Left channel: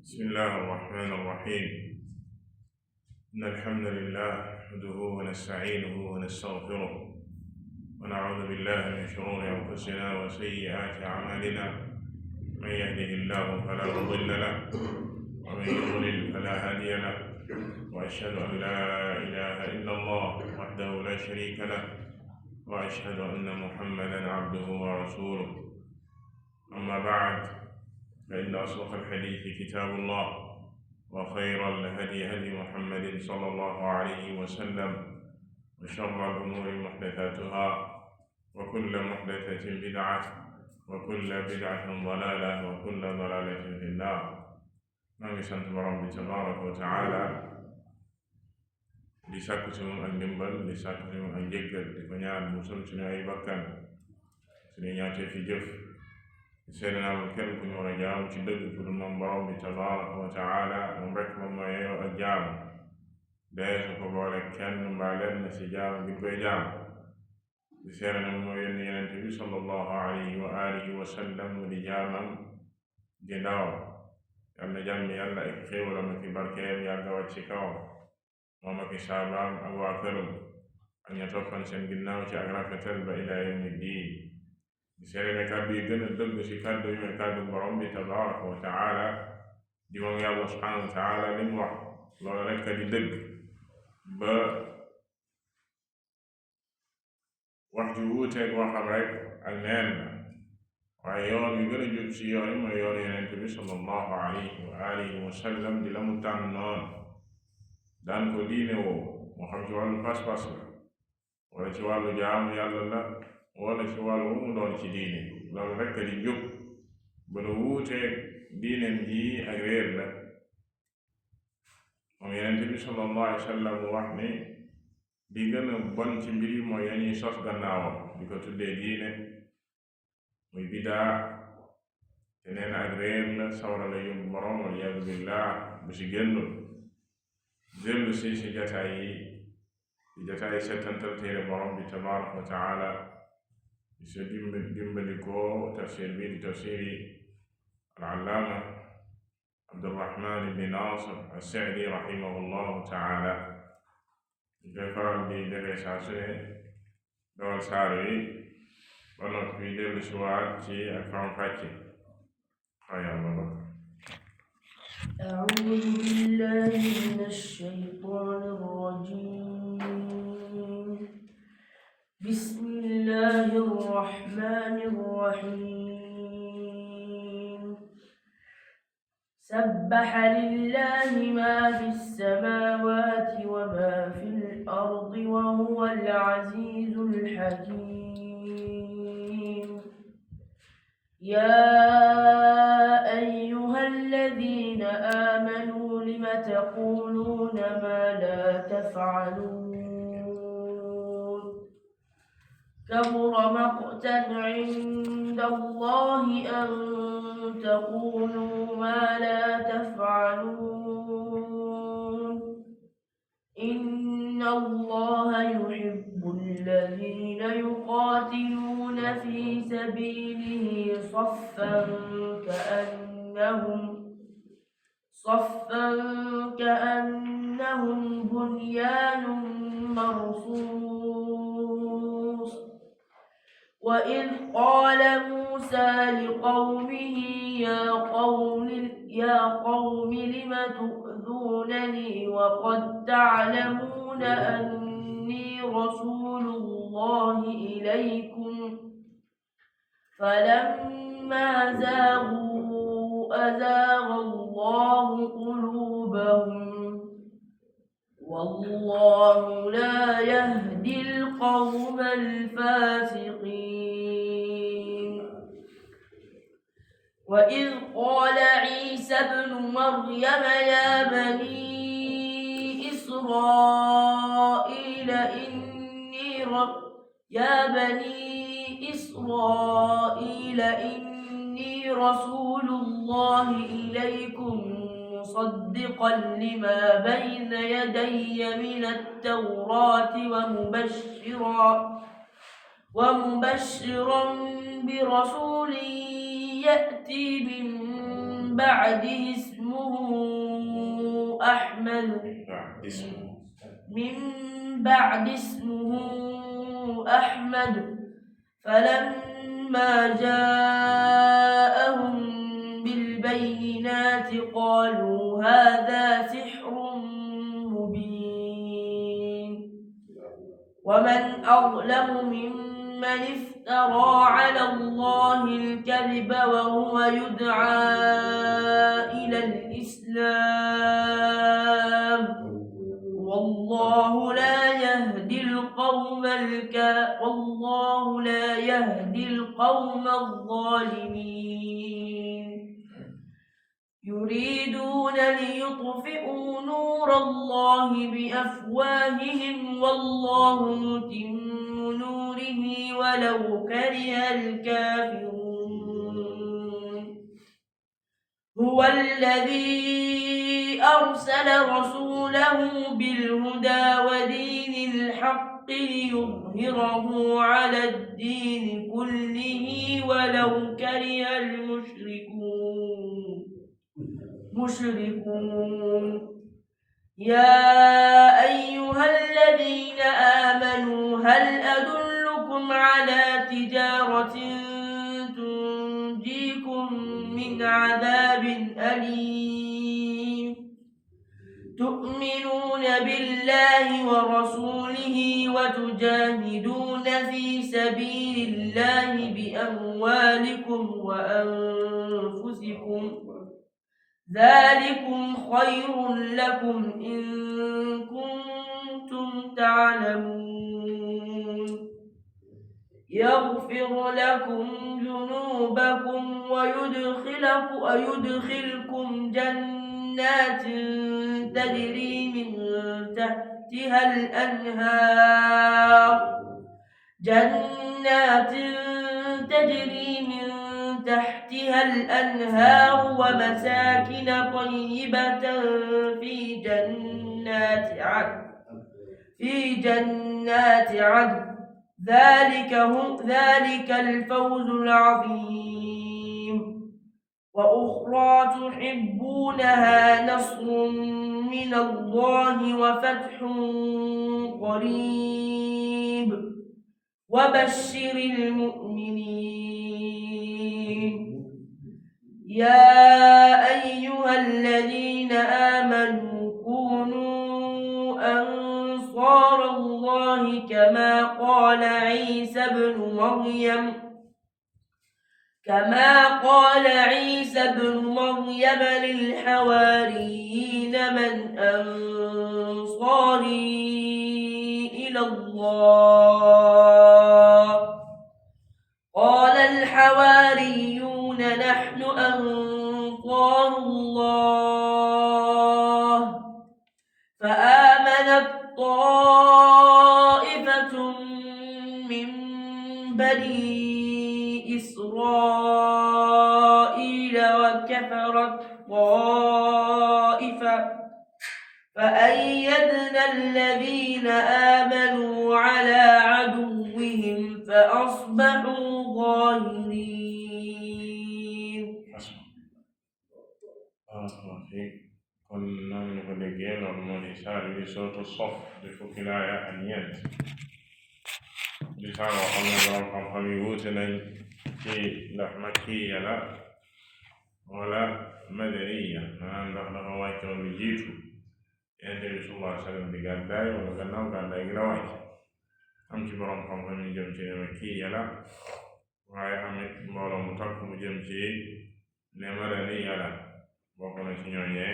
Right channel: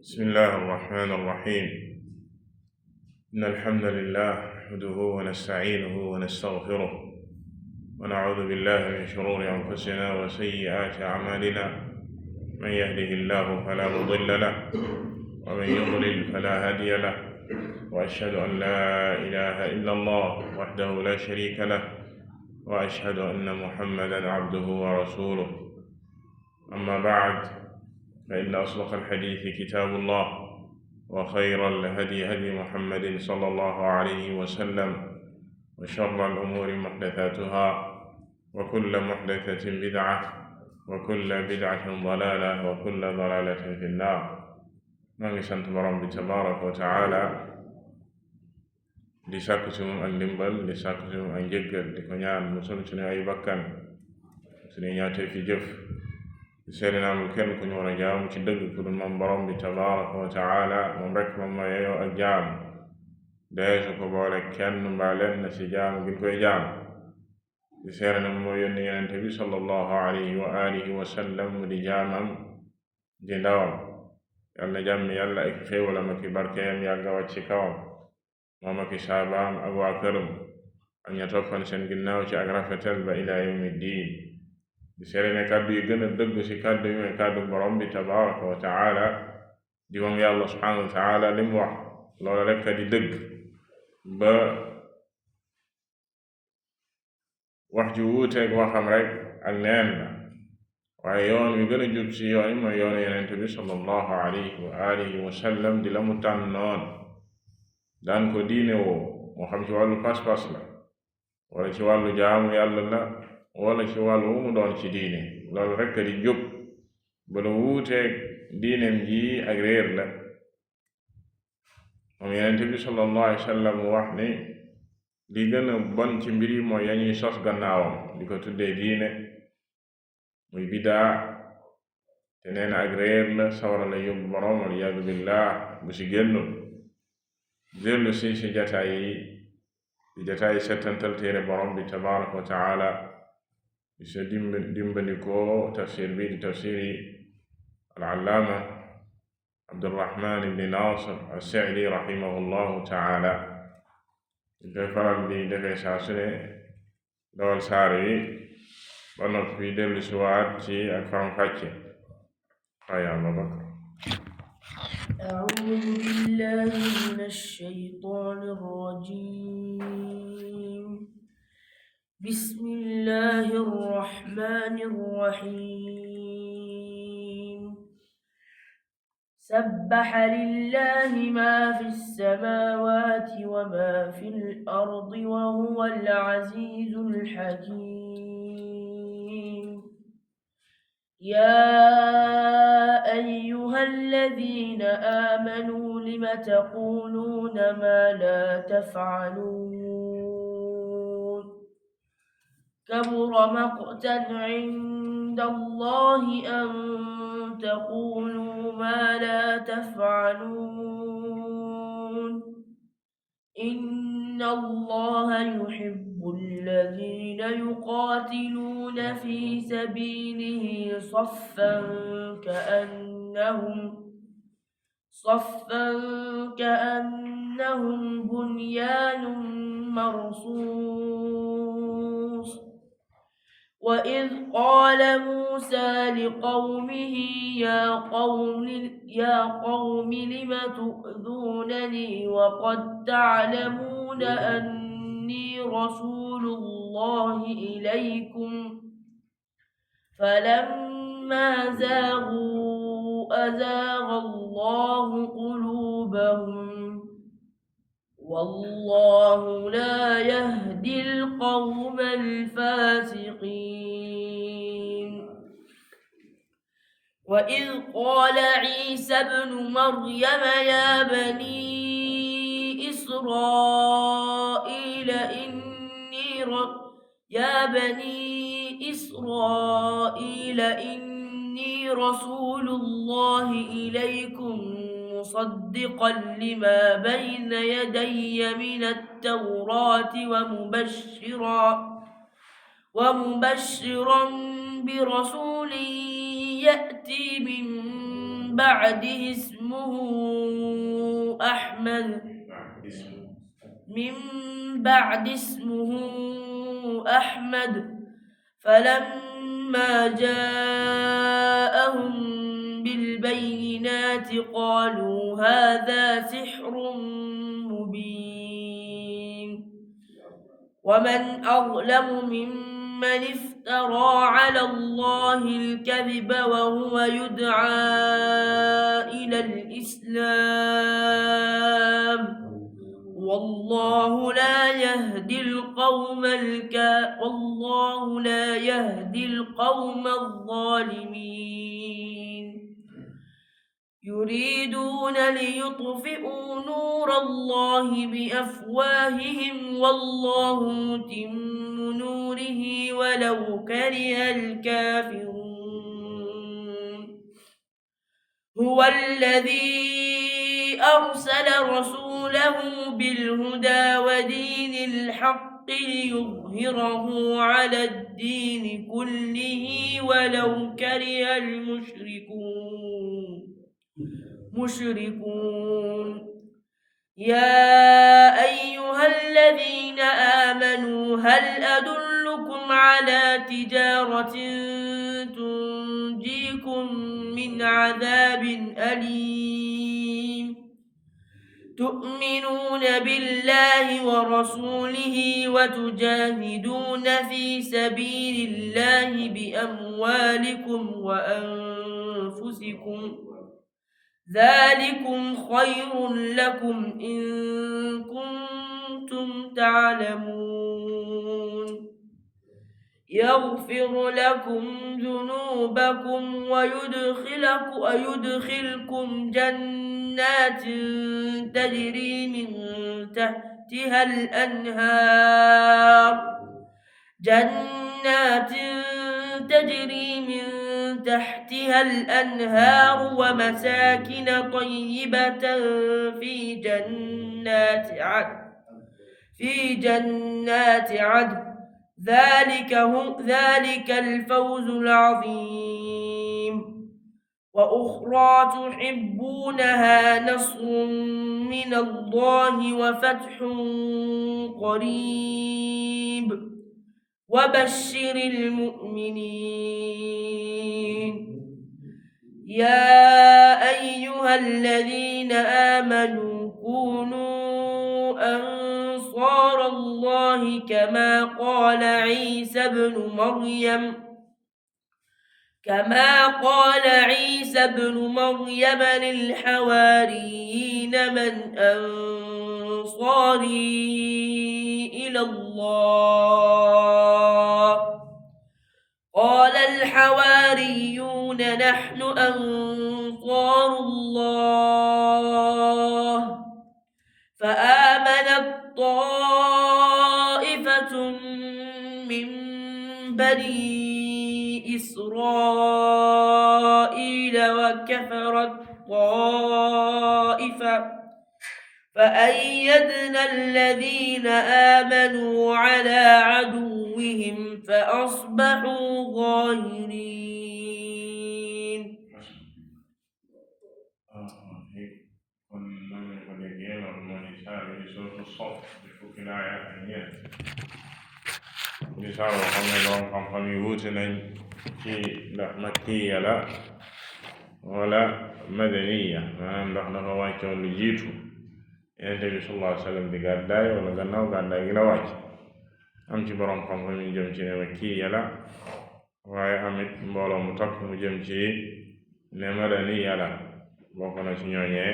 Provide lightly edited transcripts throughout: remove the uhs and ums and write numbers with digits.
بسم الله الرحمن الرحيم. إن الحمد لله نحمده ونستعينه ونستغفره ونعوذ بالله من شرور أنفسنا وسيئات أعمالنا. من يهده الله فلا مضل له ومن يضلل فلا هادي له، وأشهد أن لا إله إلا الله وحده لا شريك له، وأشهد أن محمدا عبده ورسوله. أما بعد، فإن أصدق الحديث كتاب الله، وخير الهدي هدي محمد صلى الله عليه وسلم، وشر الأمور محدثاتها، وكل محدثة بدعة، وكل بدعة ضلالة، وكل ضلالة في النار. نعم سنت برام تبارك وتعالى di sàkku ci moom ak ndimbal, di sàkku ci moom ak njëggal, di ko ñaan musal suñu ay bakkan, suñu ñaatee fi jëf. seede naa amul kenn ku ñu war a jaam ci dëgg ku dul moom borom bi tabaraka wa taala. moom rek moom mooy yeyoo ak jaam, dee su ko boole kenn mbaa lenn ci jaam gi koy jaam. di seede na moo yónni yonente bi sallallahu alayhi wa alihi wa sallam di jaamam di ndawam. yal na jàmmi yàlla ak xéewalam ak barkeem yàgga wàcc ci kawam, moom ak saabaam ak waa këram ak ña toppan seen ginnaaw ci ak rafetal ba ila yawmi diin. di seede ne kàddu yi gën a dëgg ci kàddu yi mooy kàddu borom bi tabaraka wa taala, di moom yàlla subhanahu wa taala li mu wax loola rekk di dëgg, ba wax ju wuuteeg waxam rek ak neen la. waaye yoon wi gën a jub ci yoon yi mooy yoonu yonent bi sallallahu alayhi wa alihi wa sallam, di la mu tànnoon daan ko diine woo, moo xam ci wàllu pas-pas la wala ci wàllu jaamu yàlla la wala ci wàllu mu doon ci diine. loolu rekk di jub, ba la wuuteeg diineem ji ak réer la. moom yonent bi sallallahu alayhi wa sallam wax ni li gën a bon ci mbir yi mooy yañuy sos gannaawam di ko tuddee diine, muy bidaa, te neen ak réer la, sawara la yóbbu borom wal iyaadu billah bu si génnul. dellu si jataay yi di jataay settantal téere borom bi tabaraka wa taala, di sa dimbandikoo tafsir bi di tafsiri al-allaama Abdurrahman ibn Nasir as-Sa'di rahimahullahu taala. di koy faral di defee saa su ne dawal saar yi ba noppi dellu si waat ci ak faram-fàcce. aya Abubakar. أعوذ بالله من الشيطان الرجيم. بسم الله الرحمن الرحيم. سبح لله ما في السماوات وما في الأرض وهو العزيز الحكيم. يا أيها الذين آمنوا لم تقولون ما لا تفعلون؟ كبر مقتا عند الله أن تقولوا ما لا تفعلون. إن الله يحب الذين يقاتلون في سبيله صفا كأنهم بنيان مرصوص. وإذ قال موسى لقومه يا قوم لم تؤذونني وقد تعلمون أني رسول الله إليكم؟ فلما زاغوا أزاغ الله قلوبهم، والله لا يهدي القوم الفاسقين. وإذ قال عيسى ابن مريم يا بني إسرائيل إني رسول الله إليكم مصدقا لما بين يدي من التوراة ومبشرا برسول يأتي من بعده اسمه اسمه أحمد فلما جاءهم بالبينات قالوا هذا سحر مبين ومن أظلم ممن افترى على الله الكذب وهو يدعى إلى الإسلام والله لا يهدي القوم الظالمين يريدون ليطفئوا نور الله بأفواههم والله متم نوره ولو كره الكافرون هو الذي أرسل رسوله بالهدى ودين الحق ليظهره على الدين كله ولو كره المشركون يا أيها الذين آمنوا هل أدلكم على تجارة تنجيكم من عذاب أليم تؤمنون بالله ورسوله وتجاهدون في سبيل الله بأموالكم وأنفسكم ذلكم خير لكم إن كنتم تعلمون يغفر لكم ذنوبكم ويدخلكم جنات تجري من تحتها الأنهار ومساكن طيبة في جنات عدن ذلك الفوز العظيم وأخرى تحبونها نصر من الله وفتح قريب وبشر المؤمنين يا أيها الذين آمنوا كونوا أنصار الله كما قال عيسى ابن مريم للحواريين من أنصاري إلى الله قال الحواريون نحن أنصار الله فآمنت طائفة من بني إسرائيل وكفرت طائفة فأيدنا الذين آمنوا على عدوهم فأصبحوا ظاهرين. kon noonu ñu ko déggee loolu moo di saar bi sootu Saff di fukki laaya ak ñeent di saar boo xam ne borom xam-xam yi wuute nañ ci ndax makkiya la wala madaniya maanaam ndax dafa wàccoon lu jiitu Yonent bi sallallahu alayhi wa sallam di gàddaay wala gannaaw gàddaay gi la wàcc am ci borom xam-xam yi jëm ci ne makkiya la waaye amit mbooloo mu takk mu jëm ci ne madaniya la bokk na ci ñooñee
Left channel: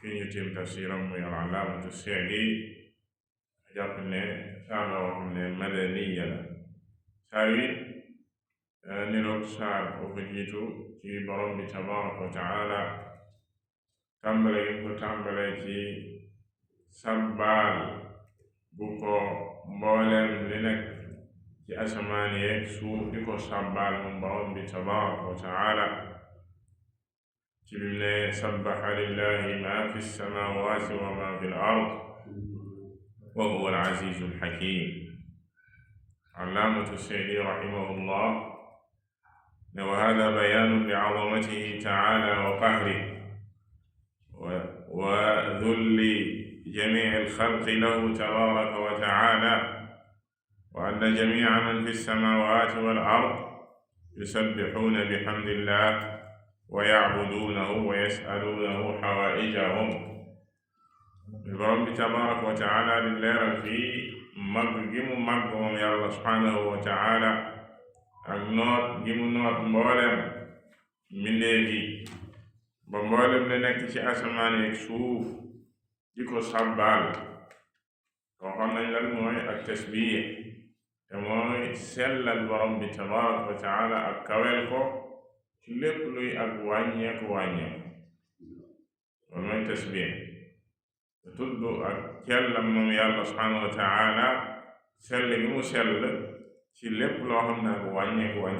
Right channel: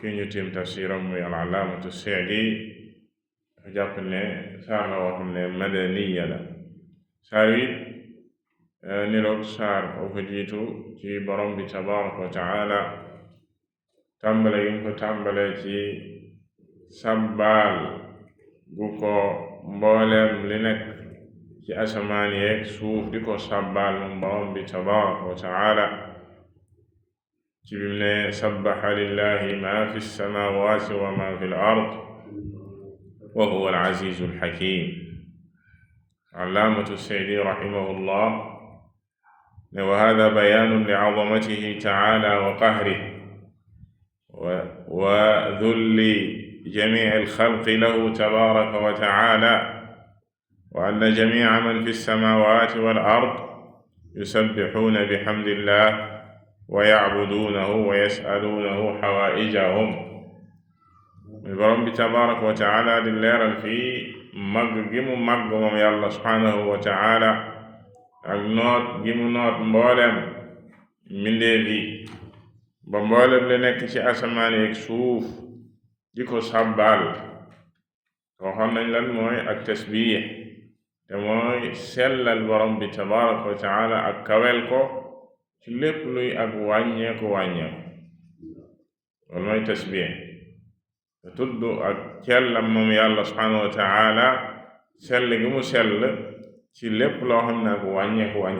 ki ñu tiim tafsiram muy al-allaamatu Sa'di dafa jàpp ne saar la wax ne madaniya la saar wi niroog saar oo ko jiitu ci borom bi tabaraka wa taala tàmbale gi ko tàmbale ci sabbaal gu ko mbooleem li nekk ci asamaan yeeg suuf di ko sabbaal moom borom bi tabaraka wa taala ci bim ne sabbaha lillahi ma fi samawati wa ma fi al-ard wa huwa al-azizu al-hakim. Allaamatu Sa'di rahimahullah ne wa hada bayaanun li azamatihi ta'ala wa qahrihi وذل جميع الخلق له تبارك وتعالى، وأن جميع من في السماوات والأرض يسبحون بحمد الله ويعبدونه ويسألونه حوائجهم. borom bi tabaraka wa taala di leeral fii màgg gi mu màgg moom yàlla subhaanahu wa taala ak noot gi mu noot mboolem mbindeef yi ba mboolem li nekk ci asamaan ak suuf di ko sàbbaal. waxoon nañ lan mooy ak tasbiix, te mooy sellal borom bi tabaraka wa taala ak kawel ko ci lépp luy ak wàññeeku loolu mooy tasbiix. te tudd ak cellam moom yàlla subhaanahu wa taala sell gi mu sell ci lépp loo xam ne ak wàññeeku la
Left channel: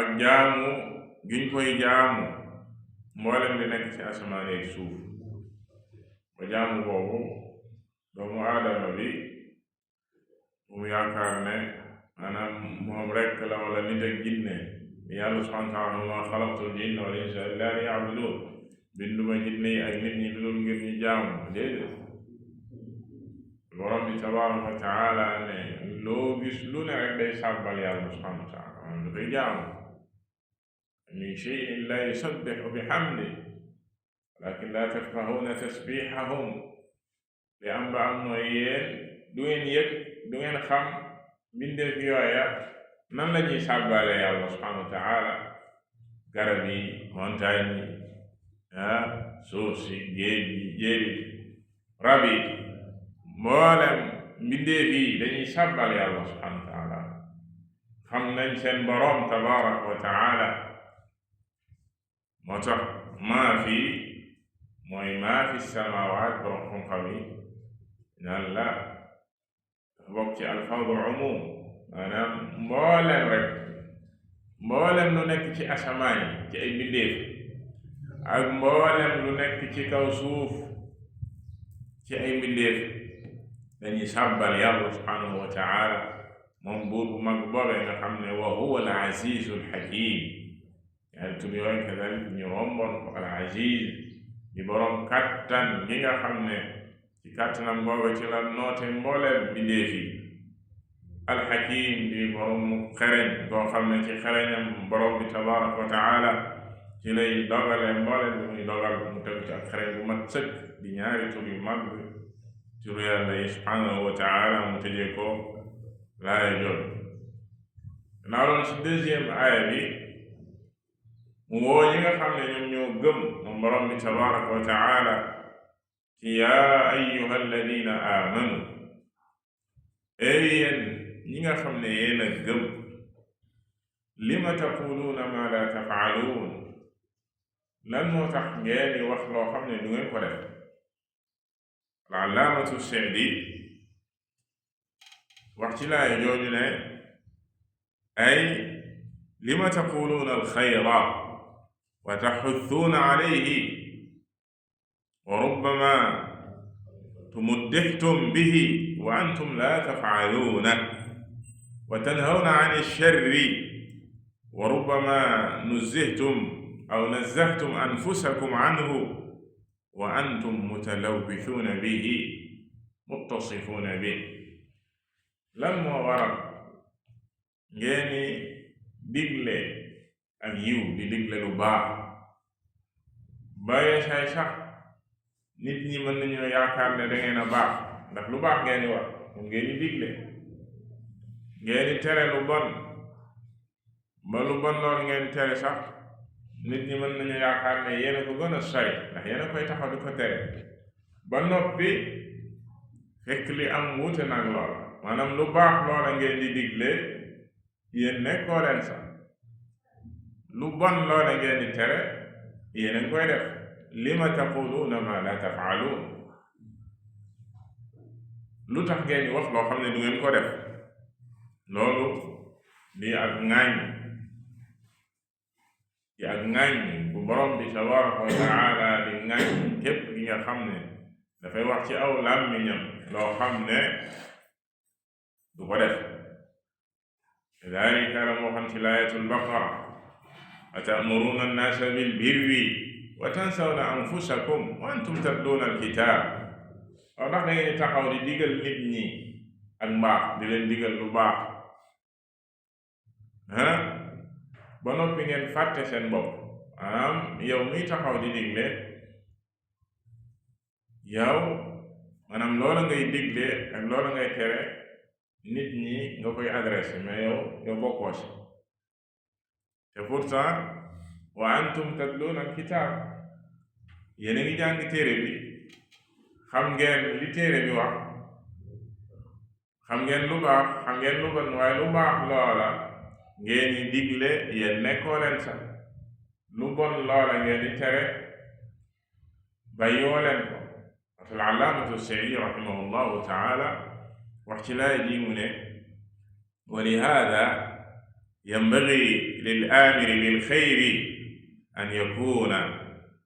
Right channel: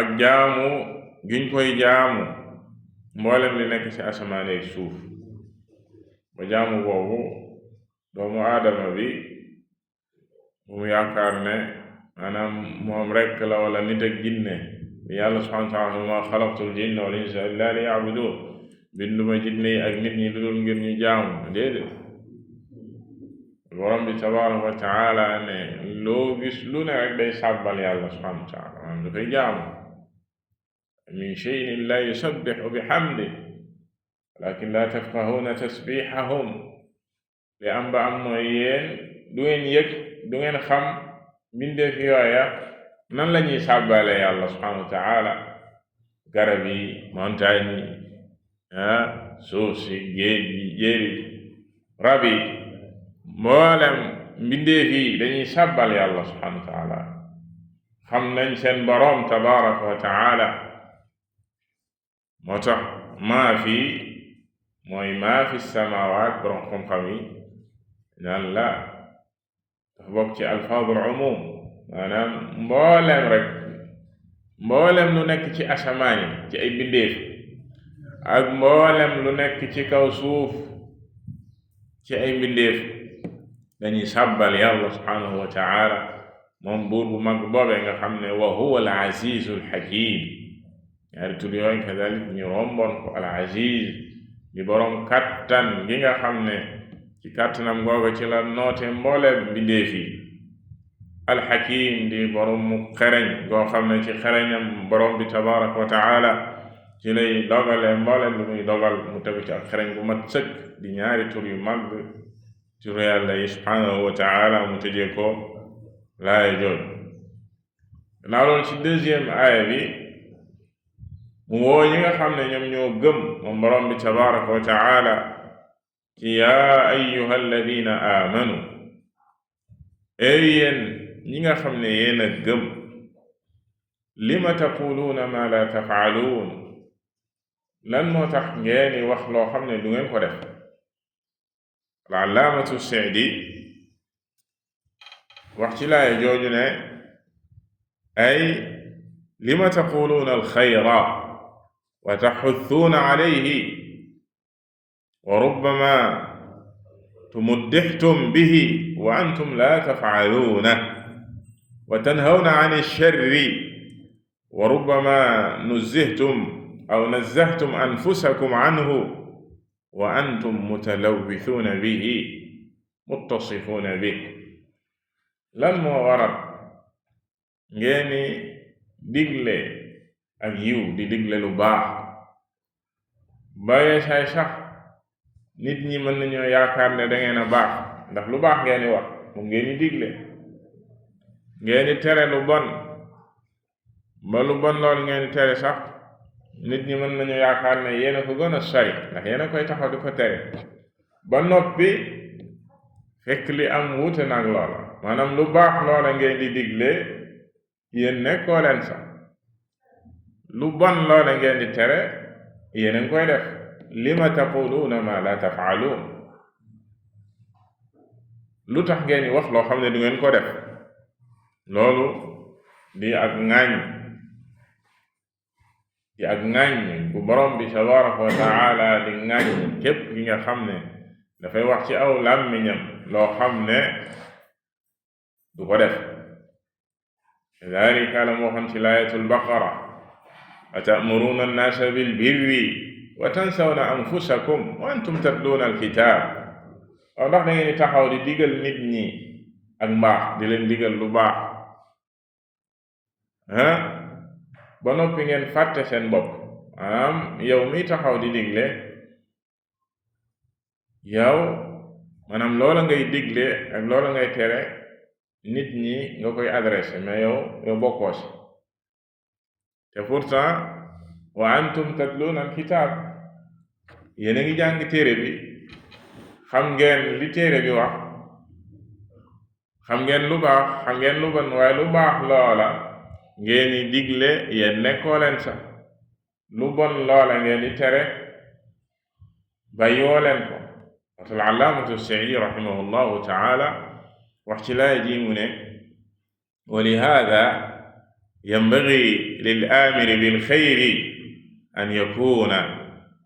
ak jaamu giñ koy jaamu mboolem li nekk ci asamaan ak suuf. ba jaamu boobu doomu aadama bi bu mu yaakaar ne maanaam moom rekk la wala nit ak jinne bi yàlla subhaanahu wa taala ma xalaqtul jinna wal insa illa liya'budun, binduma jinne yi ak nit ñi dul ngir ñu jaamu. déedéet, borom bi tabaraka wa taala ne loo gis lu ne rek day sàbbal yàlla subhanahu wa taala, maanaam dafay jaamu. min shay'in la yusabbihu bihamdi walakin la tafqahuna tasbihahum. li am ba am mooy yéen du ngeen yëg, du ngeen xam mbindeef yooya nan la ñuy sàbbale yàlla subhanahu wa taala. garab yi, montagne yi, suuf si, géej gi, jéeri, rab yi, mboolem mbindeef yi dañuy sàbbal yàlla subhanahu wa taala. xam nañ seen boroom tabaraka wa taala. moo tax maa fi mooy maa fi samaawaat, boroom xam-xam yi naan la dafa bokk ci alfaadul umum, maanaam mboolem lu nekk ci asamaan yi ci ay mbindeef ak mboolem lu nekk ci kaw suuf ci ay mbindeef dañuy sàbbal yàlla subhaanahu wa taala, moom buur bu mag boobee nga xam ne wa huwa al azizu al hakim. ñaari tur yooyu kadalik ñu romboon ko. al aziz di boroom kattan gi nga xam ne ci kattanam googa ci la noote mbooleem mbindeef yi. al hakim di boroom mu xereñ goo xam ne ci xereñam boroom bi tabaraka wa taala ci lay dogale mbooleem lu muy dogal mu tegu ci ak xereñ bu mat sëkk. di ñaari tur yu mag turu yàlla yi subhaanahu wa taala mu tëjee ko laaya joon. naa loolu ci deuxième aaya bi mu woo ñi nga xam ne ñoom ñoo gëm moom borom bi tabaraka wa taala ci yaa ayyuha alladina aamanu, yéen ñi nga xam ne yéen a gëm, lima taquluuna ma la tafaaluun, lan moo tax ngeen wax loo xam ne du ngeen ko def. al-allaamatu Sa'di wax ci laaya jooju ne ay lima taquluuna alxayra wa taxuthuuna alayhi wa rubbama tumuddixtum bihi wa antum la tafcaluuna wa tanhawna an alsharri wa rubbama nuzzihtum aw nazzahtum anfusakum anhu wa antum mutalawwithuuna bihi muttasifuuna bihi. lan moo waral ngeeni digle ak yiw di digle lu baax baye say sax nit ñi mën nañoo yaakaar ne dangeen a baax ndax lu baax ngeeni wax moom ngeeni digle, ngeeni tere lu bon ba lu bon loolu ngeeni tere sax nit ñi mën nañu yaakaar ne yéen a ko gën a sori ndax yéen a koy taxaw di ko tere ba noppi fekk li am wuute nag loola. maanaam lu baax loola ngeen di digle yéen nekkoo leen sax, lu bon loola ngeen di tere yéen a ngi koy def. lima taquluuna ma la tafaaluun, lu tax ngeen di wax loo xam ne du ngeen ko def. loolu di ak ŋàññ bu borom bi tabaraka wa taala di ŋàññ képp gi nga xam ne dafay wax ci aw làmmiñam loo xam ne du ko def. dalika la moo xam ci laayatul baqara, atamuruuna annaasa bil birri wa tansawna anfusakum wa antum tatluuna alkitaab waaw ndax da ngeen di taxaw di digal nit ñi ak mbaax di leen digal lu baax ba noppi ngeen fàtte seen bopp maanaam yow miy taxaw di digle yow maanaam loola ngay digle ak loola ngay tere nit ñi nga koy adressé mais yow bokkoo si te pourtant wa antum tatluuna alkitaab yéen a ngi jàng téere bi xam ngeen li téere bi wax xam ngeen lu baax xam ngeen lu bon waaye lu baax loola ngeen di digle yéen nekkoo leen sax lu bon loola ngeen di tere bàyyoo leen ko al allaamatu Sa'iidi rahimahullahu taala wax ci laaya ji mu ne wa lihaada yanbaghi lil aamiri bil xayri an yakuuna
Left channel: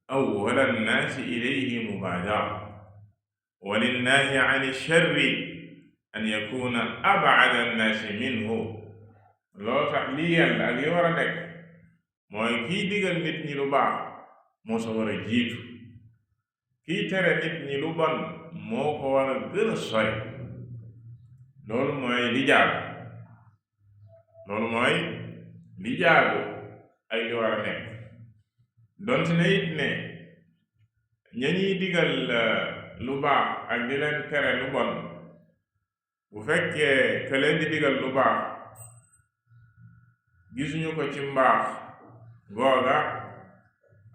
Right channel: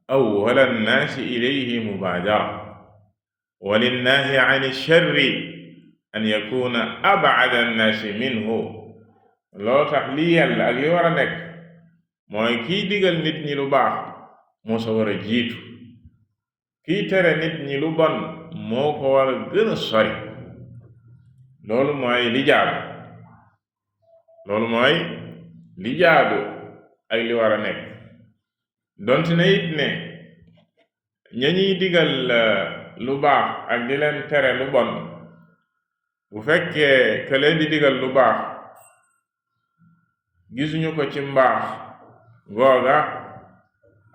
awwala nnaasi ilayhi mubaadara wa linnaahi an sharri an yakuuna ab'ada nnaasi minhu loolu tax li yàlla ak li war a nekk mooy kiy digal nit ñi lu baax moo sa war a jiitu kiy tere nit ñi lu bon moo ko war a gën a sori loolu mooy li jaadu ak li war a nekk donte ne it ne ña ñuy digal lu baax ak di leen tere lu bon bu fekkee ka leen di digal lu baax gisuñu ko ci mbaax googa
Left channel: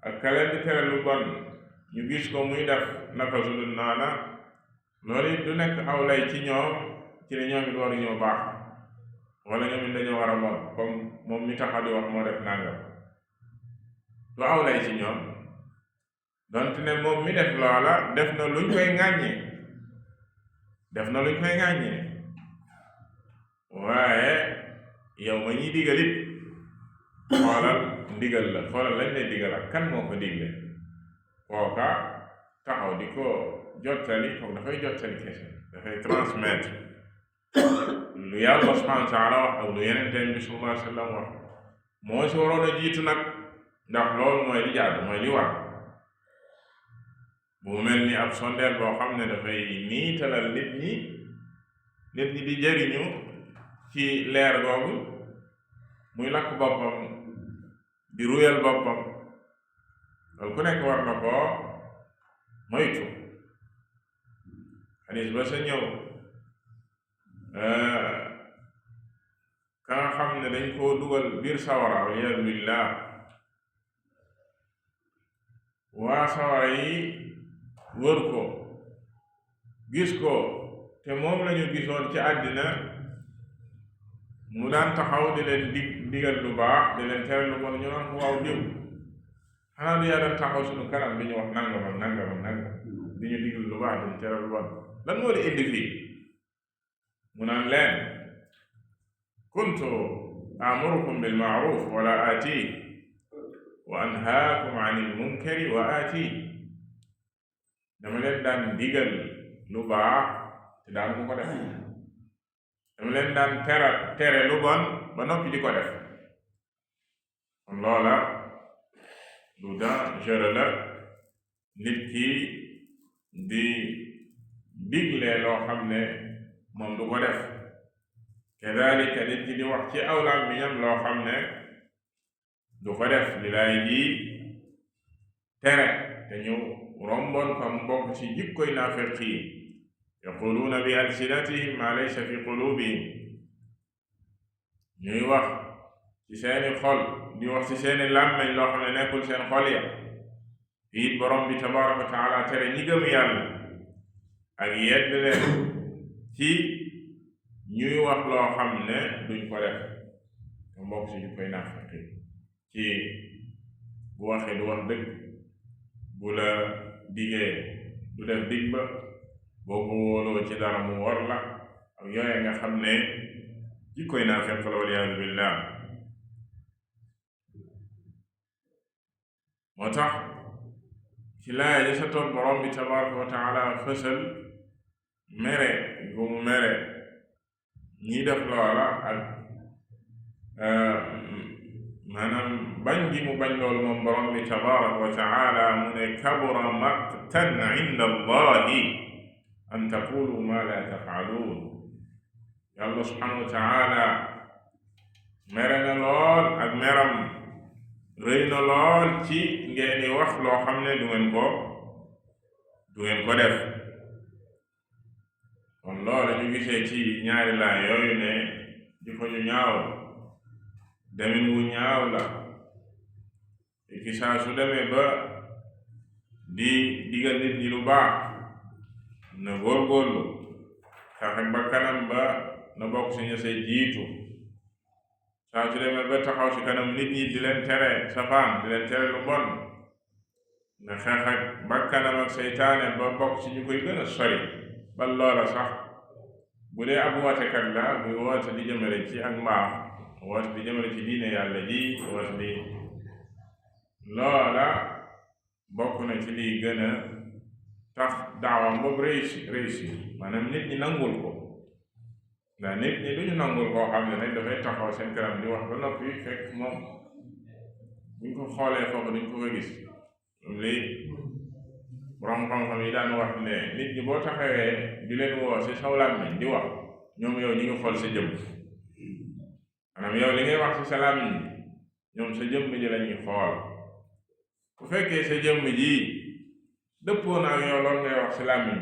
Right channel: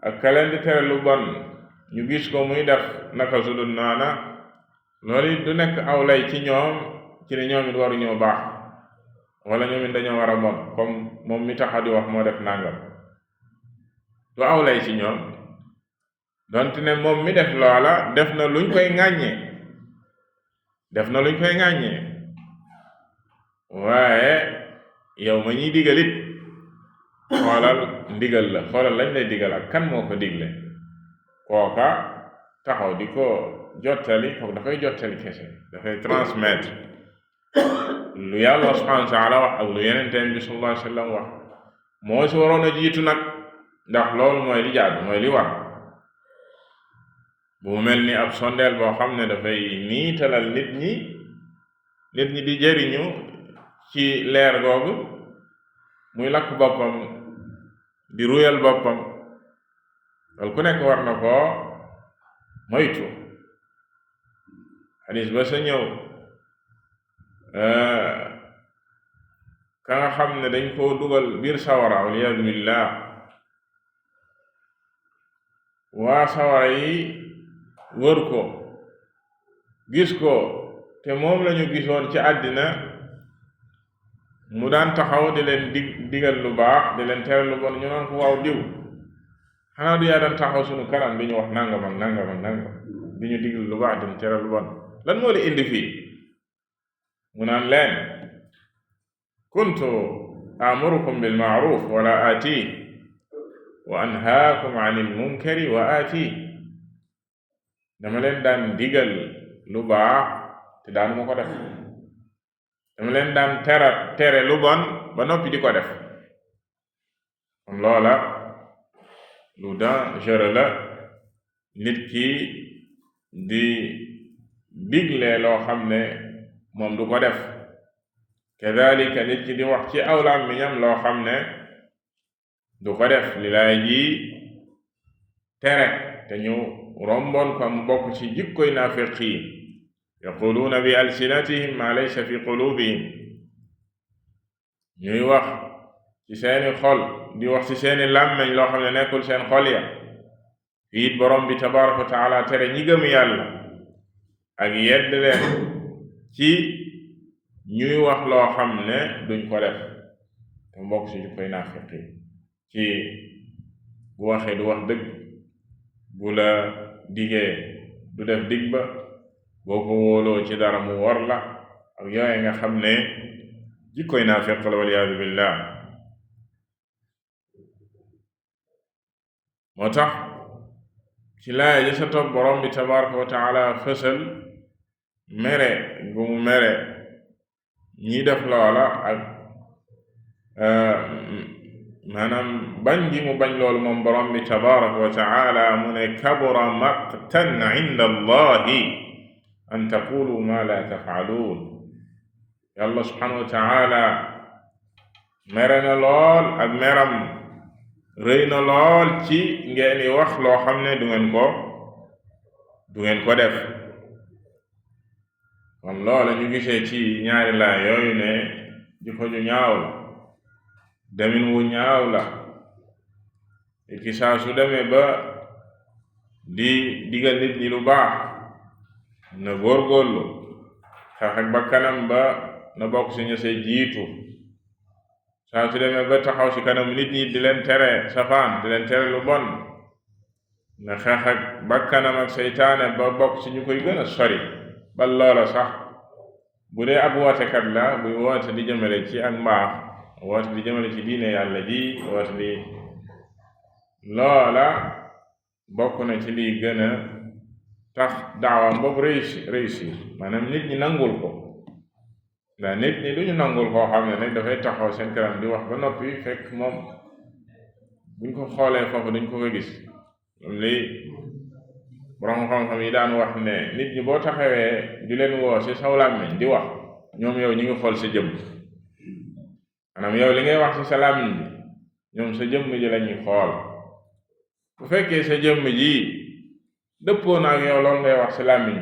ak ka leen di tere lu bon ñu gis ko muy def naka sudul noona loolu it du nekk aw lay ci ñoom ci ne ñoom it waruñoo baax wala ñoom it dañoo war a bon comme moom mi taxa di wax moo def nangam du aw lay ci ñoom donte ne moom mi def loola def na luñ koy ŋàññee waaye yow ma ñuy digalit xoolal ndigal la xoolal lañ lay digal ak kan moo ko digle kooka taxaw di ko jottali kooku dafay jottali kese dafay transmettre lu yàlla subhanahu wa taala wax ak lu yenenteen bi sallallahu alayhi wa sallam wax moo si waroon a jiitu nag ndax loolu mooy li jaadu mooy li war bu mu mel ni ab sondeel boo xam ne dafay niitalal nit ñi di jëriñu ci leer googu muy lakk boppam di ruyal boppam loolu ku nekk war na koo moytu xadis ba sa ñëw ka nga xam ne dañ koo dugal biir sawara waliyaadu billah waa sawara yi wër ko gis ko te moom lañu gisoon ci àddina mu daan taxaw di leen digal lu baax di leen tere lu bon ñu naan ko waaw diw xanaa du yaa daan taxaw sunu kanam di ñu wax nangam ak nangam ak nangam di ñu digal lu baax di ñu tere lu bon lan moo la indi fii mu naan leen kuntu amurukum bil ma'ruf wala aati wa anhaakum anil munkari wa aati dama leen daan digal lu baax te daanu ma ko def dama leen daan tere lu bon ba noppi di ko def kon loola lu dangereux la nit ki di digle loo xam ne moom du ko def kadalika nit ki di wax ci aw làmmiñam loo xam ne du ko def li laay ji tere te ñu romboon ko mu bokk ci jikkoy naafiq yi yaquluuna bi alsinatihim ma laysa fi qulubihim ñuy wax ci seeni xol di wax ci seeni làmmiñ loo xam ne nekkul seen xol ya fiit borom bi tabaraka wa taala tere ñi gëm yàlla ak yedd leen ci ñuy wax loo xam ne duñ ko def te mbokk ci jikkoy naafiq yi ci bu waxee du wax dëgg bu la digee du def dig ba boo ko wóoloo ci dara mu wor la ak yooye nga xam ne jikkoy naafiq la waliyaadu billah moo tax ci laaya ja sa topp borom bi tabaraka wa taala fësal mere gu mu mere ñi def loola ak maanaam bañ gi mu bañ loolu moom borom bi tabaraka wa taala mu ne kabura maqtan inda allahi an taqulu ma la tafaaluun. yàlla subhanahu wa taala mere na lool ak meram rëy na lool ci ngeen di wax loo xam ne du ngeen ko def. kon loolu ñu gisee ci ñaari laa yooyu ne jikko ju ñaaw demin wu ñaaw la ki saa su demee ba di digal nit ñi lu baax na góorgóorlu xeex ak bakkanam ba na bokk si ñu see jiitu. saa su demee ba taxaw ci kanam nit ñi di leen tere safaan di leen tere lu bon na xeex ak bakkanam ak seytaane ba bokk ci ñu koy gën a sori. ba loola sax bu dee ab wootekat la buy woote di jëmale ci ak mbaax woote di jëmale ci diine yàlla ji woote di loola bokk na ci liy gën a tax daawam boobu réussir maanaam nit ñi nangul ko. ndax nit ñi lu ñu nangul koo xam ne nag dafay taxaw seen kanam di wax ba noppi fekk moom buñ ko xoolee foofu dañ ko fa gis. lii borom xam-xam yi daan wax ne nit ñi boo taxawee di leen woo ci saw làmmiñ di wax ñoom yow ñu ngi xool sa jëmm. maanaam yow li ngay wax ci sa làmmiñ ñoom sa jëmm ji lañuy xool. bu fekkee sa jëmm ji dëppoo na ak yow loolu ngay wax ci làmmiñ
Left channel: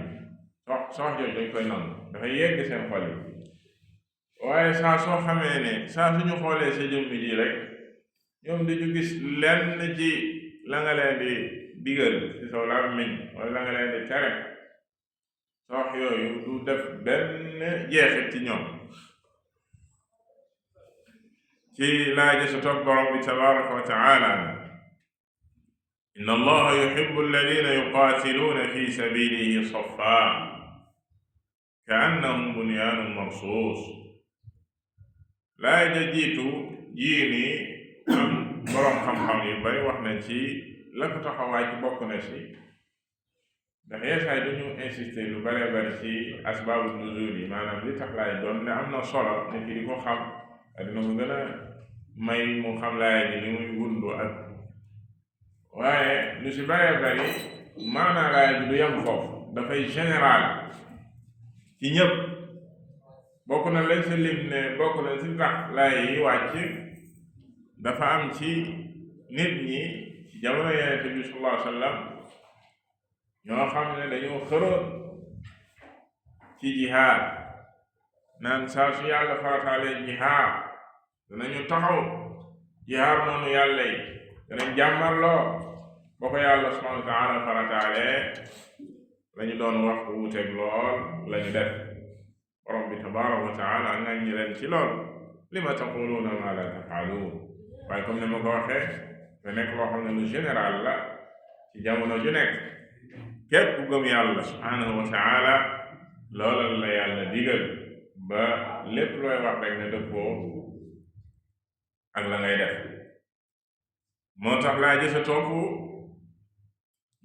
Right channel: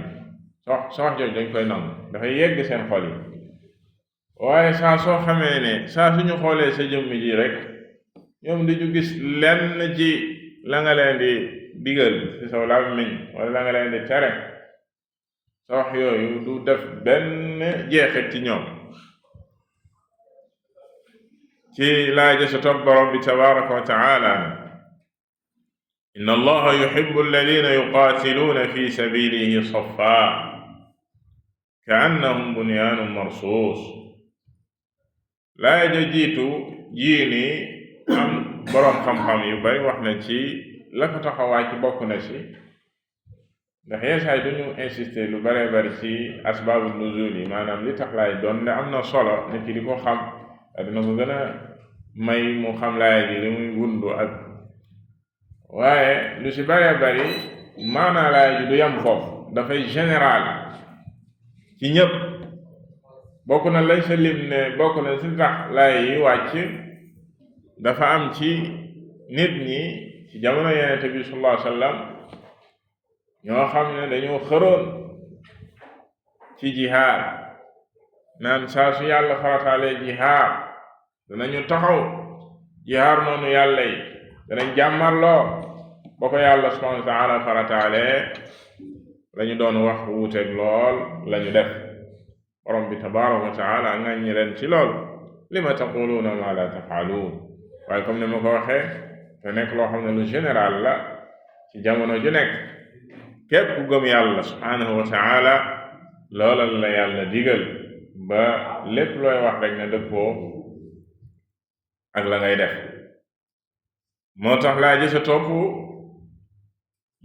soo wax jooju dañ koy nangu dafay yegg seen xol yi. waaye saa soo xamee ne saa suñu xoolee sa jëmm ji rek ñoom di ñu gis lenn ci la nga leen di digal ci sa làmmiñ wala la nga leen di tere sa wax yooyu du def benn jeexit ci ñoom. ci laaja sa topp borom bi tabaraka wa taala inna allaha yuhibbu alladina yuqaatiluuna fi sabilihi safa ka annahum bunyaanun marsuus. laa ja jiitu jii ni am boroom xam-xam yu bari wax na ci la ko taxawaay ci bokk na ci ndax yeesaay duñu insister lu bare bari ci asbaabu nuzul yi maanaam li tax laay doon ne am na solo nit ki di ko xam dina ko gën a may mu xam laay bi li muy wundu ak waaye lu ci bare bari maanaa laay ji du yam foofu dafay général ci ñépp. bokk na lañ sa lim ne bokk na ci tax laay yi wàcc dafa am ci nit ñi ci jamono Yonent bi sallallahu alayhi wa sallam ñoo xam ne dañoo xëroon ci jihaad naan saa su yàlla farataalee jihaad danañu taxaw jihaad noonu yàlla yi danañ jàmmarloo ba ko yàlla subhanahu wa taala farataalee lañu doon wax wuuteeg lool lañu def. borom bi tabaraka wa taala ngaññi leen ci lool lima taquluuna ma la tafaaluun. waaye comme ni ma ko waxee te nekk loo xam ne lu général la ci jamono ju nekk képp ku gëm yàlla subhanahu wa taala loola la yàlla digal ba lépp looy wax rek ne dëppoo ak la ngay def. moo tax laa ji sa topp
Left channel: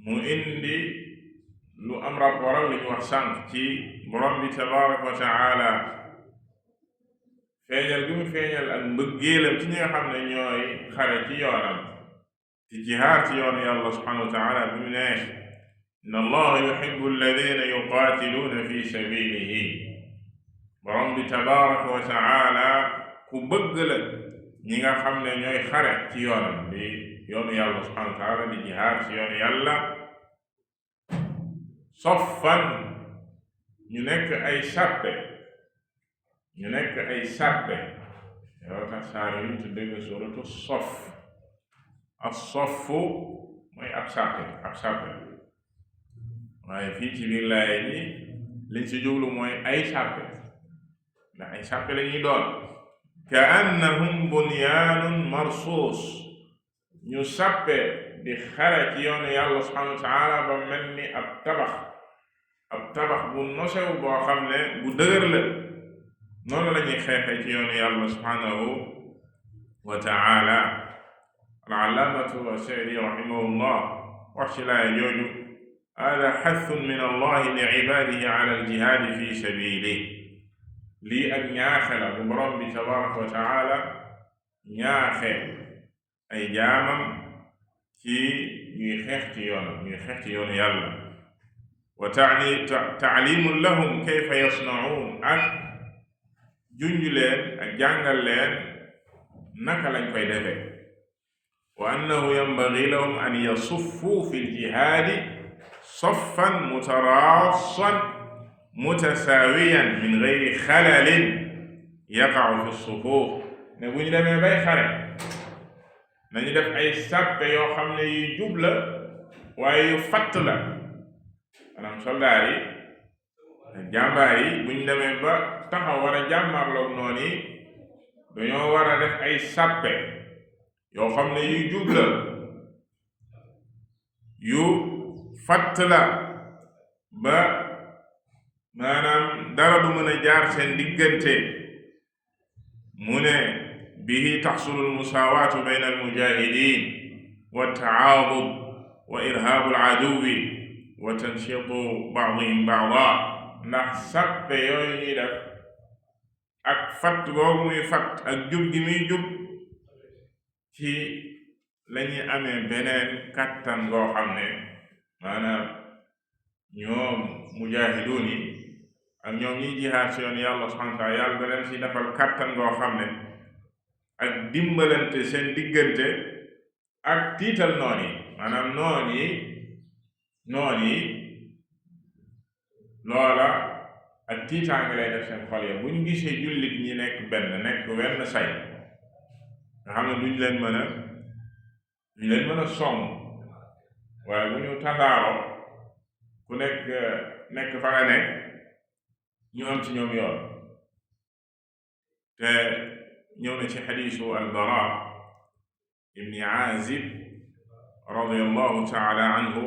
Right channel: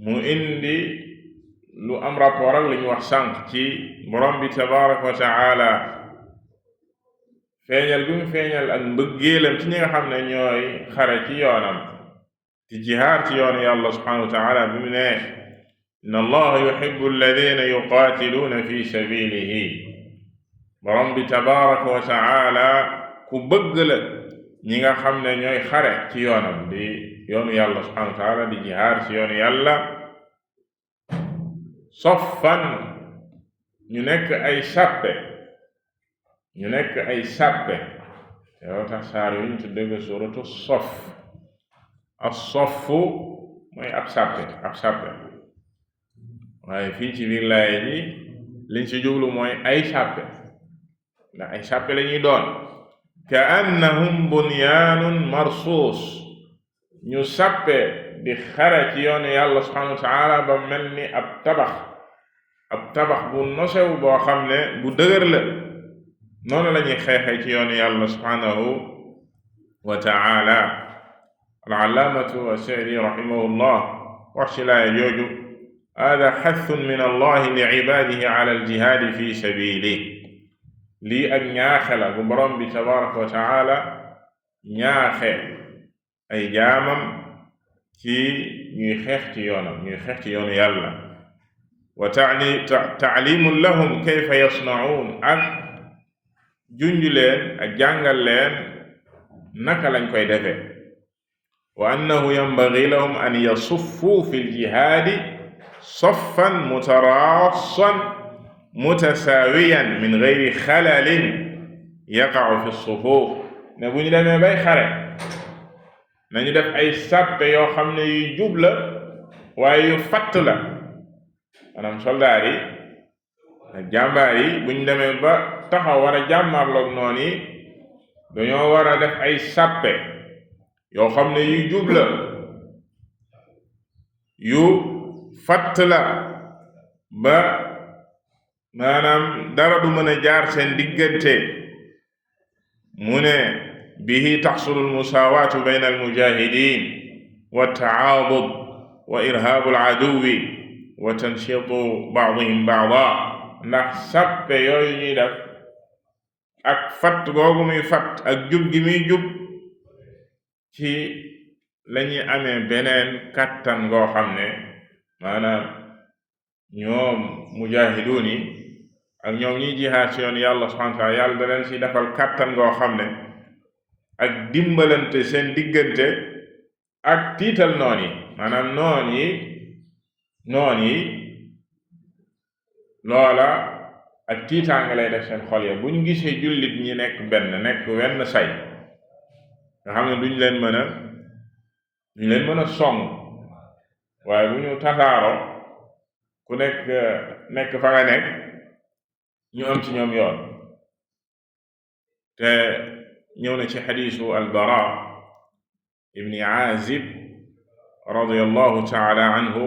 mu indi lu am rapport ak li ñu wax sànq ci borom bi tabaraka wa taala feeñal bi mu feeñal ak mbëggeelam ci ñi nga xam ne ñooy xare ci yoonam ci jihaar ci yoonu yàlla subhanahu wa taala bi mu ne inna allaha yuhibbu alladina yuqaatiluuna fi sabilihi. borom bi tabaraka wa taala ku bëgg la ñi nga xam ne ñooy xare ci yoonam di yoonu yàlla subhanahu wa taala di jihaar ci yoonu yàlla soffan ñu nekk ay sàppe yow tax saar yu ñu tudde ko suuratu soff as-soffu mooy ab sàppe waaye fii ci biir laaya ji liñ ci jublu mooy ay sàppe ndax ay sàppe la ñuy doon ka annahum bunyaanun marsuus ñu sàppe di xare ci yoonu yàlla subhanahu wa taala ba mel ni ab tabax bu nosew boo xam ne bu dëgër la noonu la ñuy xeexee ci yoonu yàlla subhanahu wa taala. al-allaamatu as-Sa'di rahimahullah wax ci laaya jooju hada xathun min allahi li cibaadihi ala al-jihaadi fi sabiilihi. lii ak ñaaxe la bu borom bi tabaraka wa taala ñaaxe ay jaamam ci ñuy xeex ci yoonu yàlla wa taalimun lahum kayfa yasnaun ak junj leen ak jàngal leen naka lañ koy defee wa annahu yanbaghi lahum an yasuffu fi ljihaadi saffan mutarassan mutasaawiyan min gayri xalalin yaqa'u fi sufuf ne bu ñu demee bay xare nañu def ay sàppe yoo xam ne yu jub la waaye yu fatt la maanaam soldaar yi ak jàmbaar yi bu ñu demee ba taxaw war a jàmmarloog noonu yi dañoo war a def ay sàppe yoo xam ne yu jub la yu fatt la ba maanaam dara du mën a jaar seen diggante mu ne bihi taxsulu almusaawaatu bayna almujahidin wa tacaadud wa irhaabu aladuwi wa tanshiitu baadihim baada ndax sàppe yooyu ñuy def ak fatt googu muy fatt ak jub gi muy jub ci lañuy amee beneen kàttan goo xam ne maanaam ñoom mujaahiduun yi ak ñoom ñiy jihaad ci yoon yàlla subhaanahu wa taala yàlla da leen ci defal kàttan goo xam ne ak dimbalante seen diggante ak tiital noon yi maanaam noon yi loola ak tiitaanga lay def seen xol ya bu ñu gisee jullit ñi nekk wenn say nga xam ne duñ leen mën a song waaye bu ñu tasaaroo ku nekk fa nga nekk ñu am ci ñoom yoon te ñëw na ci xadiisu albara ibni aazib radiyallahu taala anhu